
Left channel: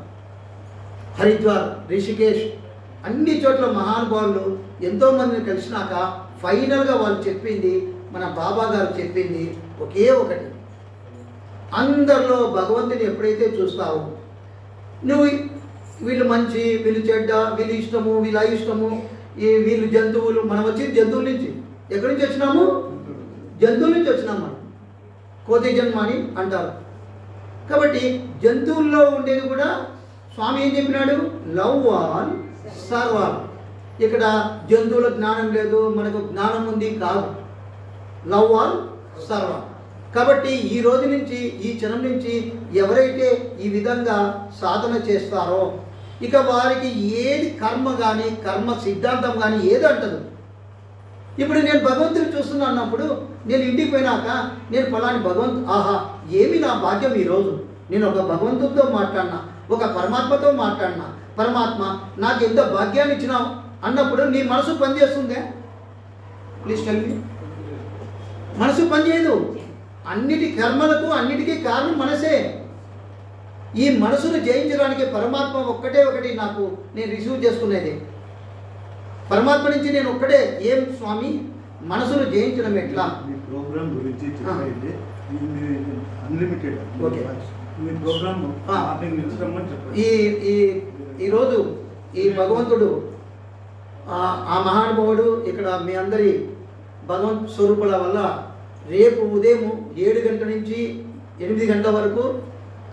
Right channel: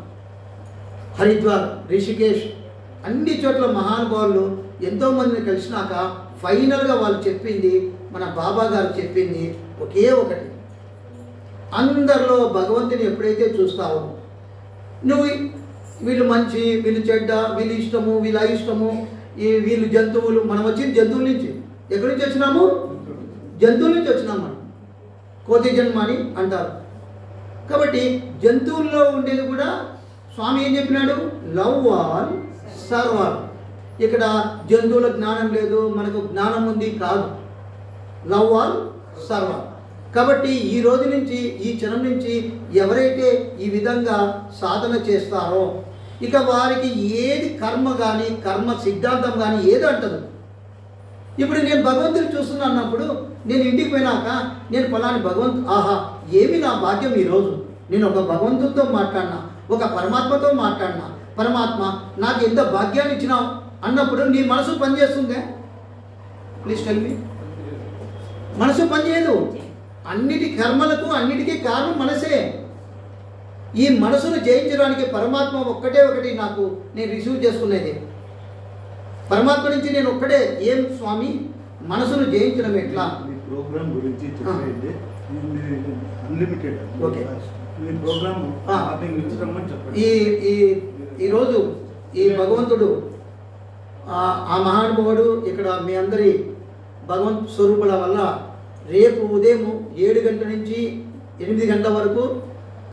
హరిద్వార్, రిషికేష్, అన్ని చోట్ల మహానుభావులు ఎంతోమందిని కలిసినాక ఫైనల్గా వాళ్ళు చెప్పింది, మన బాబా గారు చెప్పింది ఒకే ఒకటి. అందరిలో భగవంతుని ఎప్పుడైతే చూస్తావో, నువ్వు వీళ్ళు మంచి, వీళ్ళు చెడ్డ, వీళ్ళు ఇష్టము, వీళ్ళు అయిష్టము, వీళ్ళు జంతువులు. మనం వచ్చింది జంతువుల నుంచి. ఎక్కడి నుంచి వచ్చినాము? జంతువుల నుంచి వచ్చినాము. మనం కోతి జన్మ అని అంటారు. కాబట్టి జంతువుల్లో ఉండేది కూడా స్వామి ఏం చెప్పినాడు? Love all, serve all. ఇక్కడ జంతువుల జ్ఞానం లేదు, మనకు జ్ఞానం ఉంది కాదు. Love all, serve all. కాబట్టి ఈ రోజు నుంచి, ఈ క్షణం నుంచి ఎవరైతే ఈ విధంగా సాధన చేస్తారో ఇక వారికి ఏది కర్మ కానీ, కర్మ సిద్ధాంతం కానీ ఏది అంటదు. ఇప్పుడు నేను భగవంతుని చూస్తున్నా అన్నప్పుడు నేను ఇంటికి పోయినాక నేను ఫలాని ఆహా ఏమి నా భాగ్యం ఈరోజు, నేను ఒక భగవంతుడితో మాట్లాడినా, ఒక పరమాత్మతో మాట్లాడినా, పరమాత్మ నాకు ఎంత భాగ్యాన్ని ఇచ్చినావు అన్నప్పుడు నీ మనసు పనిచేస్తుందే? Please tell me. మనసు పనిచేయదు. అన్నిటి కర్మలకు అన్నిటికీ కారణం మనసే. ఈ మనసును జయించడానికి పరమాత్మ ఒక్కటే ఒకటి నాకు నేను రిసీవ్ చేసుకునేది. పరమాత్మ నుంచి నేను ఒక్కడే. ఏం స్వామి, మనసును జయించడం ఎట్లా? మీ ప్రోగ్రామ్ గురించి చెప్పండి. అన్లిమిటెడ్. ఓకే, మీ ప్రోగ్రామ్ చెప్పండి. ఈరోజు ఈ భగవంతుడు, ఆ మహానుభావుడు ఇక్కడ మీ అందరి భగవంత్ స్వరూపుల వల్ల రేపు ఉదయం 7 గంటల నుంచి 8 గంటల వరకు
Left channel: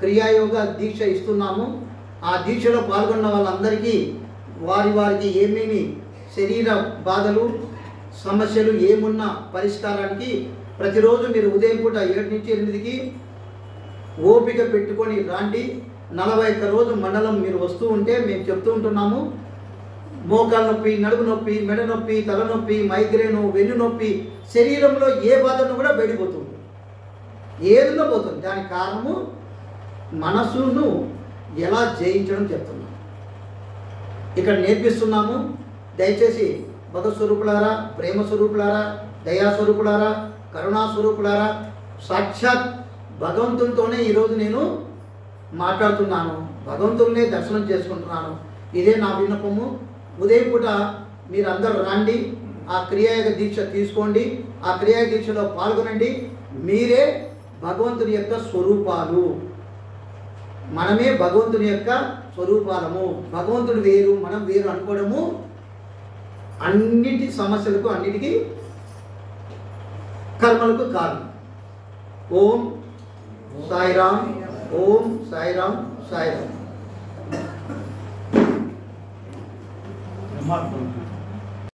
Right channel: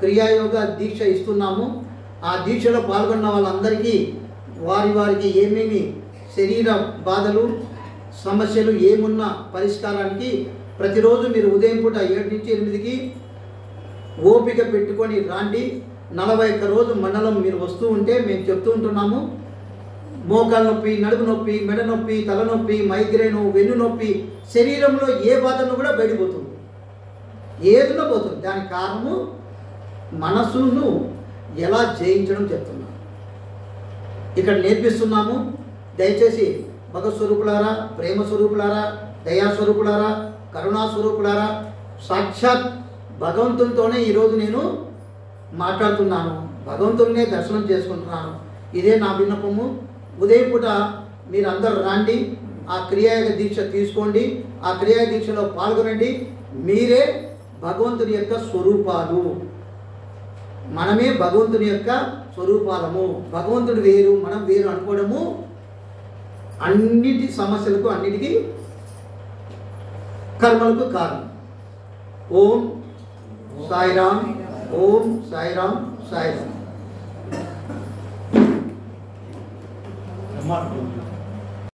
క్రియాయోగ దీక్ష ఇస్తున్నాము. ఆ దీక్షలో పాల్గొన్న వాళ్ళందరికీ వారికి ఏమేమి శరీర బాధలు, సమస్యలు ఏమున్నా పరిష్కారానికి ప్రతిరోజు మీరు ఉదయం పూట 7 నుంచి 8కి ఓపిక పెట్టుకొని రాండి. 41 రోజు మండలం మీరు వస్తూ ఉంటే మేము చెప్తూ ఉంటున్నాము. మోకాలు నొప్పి, నడుము నొప్పి, మెడ నొప్పి, తలనొప్పి, మైగ్రేను, వెన్ను నొప్పి, శరీరంలో ఏ బాధను కూడా బయటపోతుంది, ఏదన్నా పోతుంది. దానికి కారణము మనసును ఎలా జయించడం చెప్తున్నాము, ఇక్కడ నేర్పిస్తున్నాము. దయచేసి భగవత్ స్వరూపులారా, ప్రేమ స్వరూపులారా, దయాస్వరూపులారా, కరుణా స్వరూపులారా, సాక్షాత్ భగవంతునితోనే ఈరోజు నేను మాట్లాడుతున్నాను, భగవంతుడినే దర్శనం చేసుకుంటున్నాను. ఇదే నా విన్నపము. ఉదయం పూట మీరందరూ రండి, ఆ క్రియాయోగ దీక్ష తీసుకోండి, ఆ క్రియాయోగ దీక్షలో పాల్గొనండి. మీరే భగవంతుని యొక్క స్వరూపాలు, మనమే భగవంతుని యొక్క స్వరూపాలము. భగవంతుడు వేరు, మనం వేరు అనుకోవడము అన్నిటి సమస్యలకు, అన్నిటికీ కర్మలకు కారణం. ఓం సాయిరామ్, ఓం సాయిరామ్, సాయిరామ్.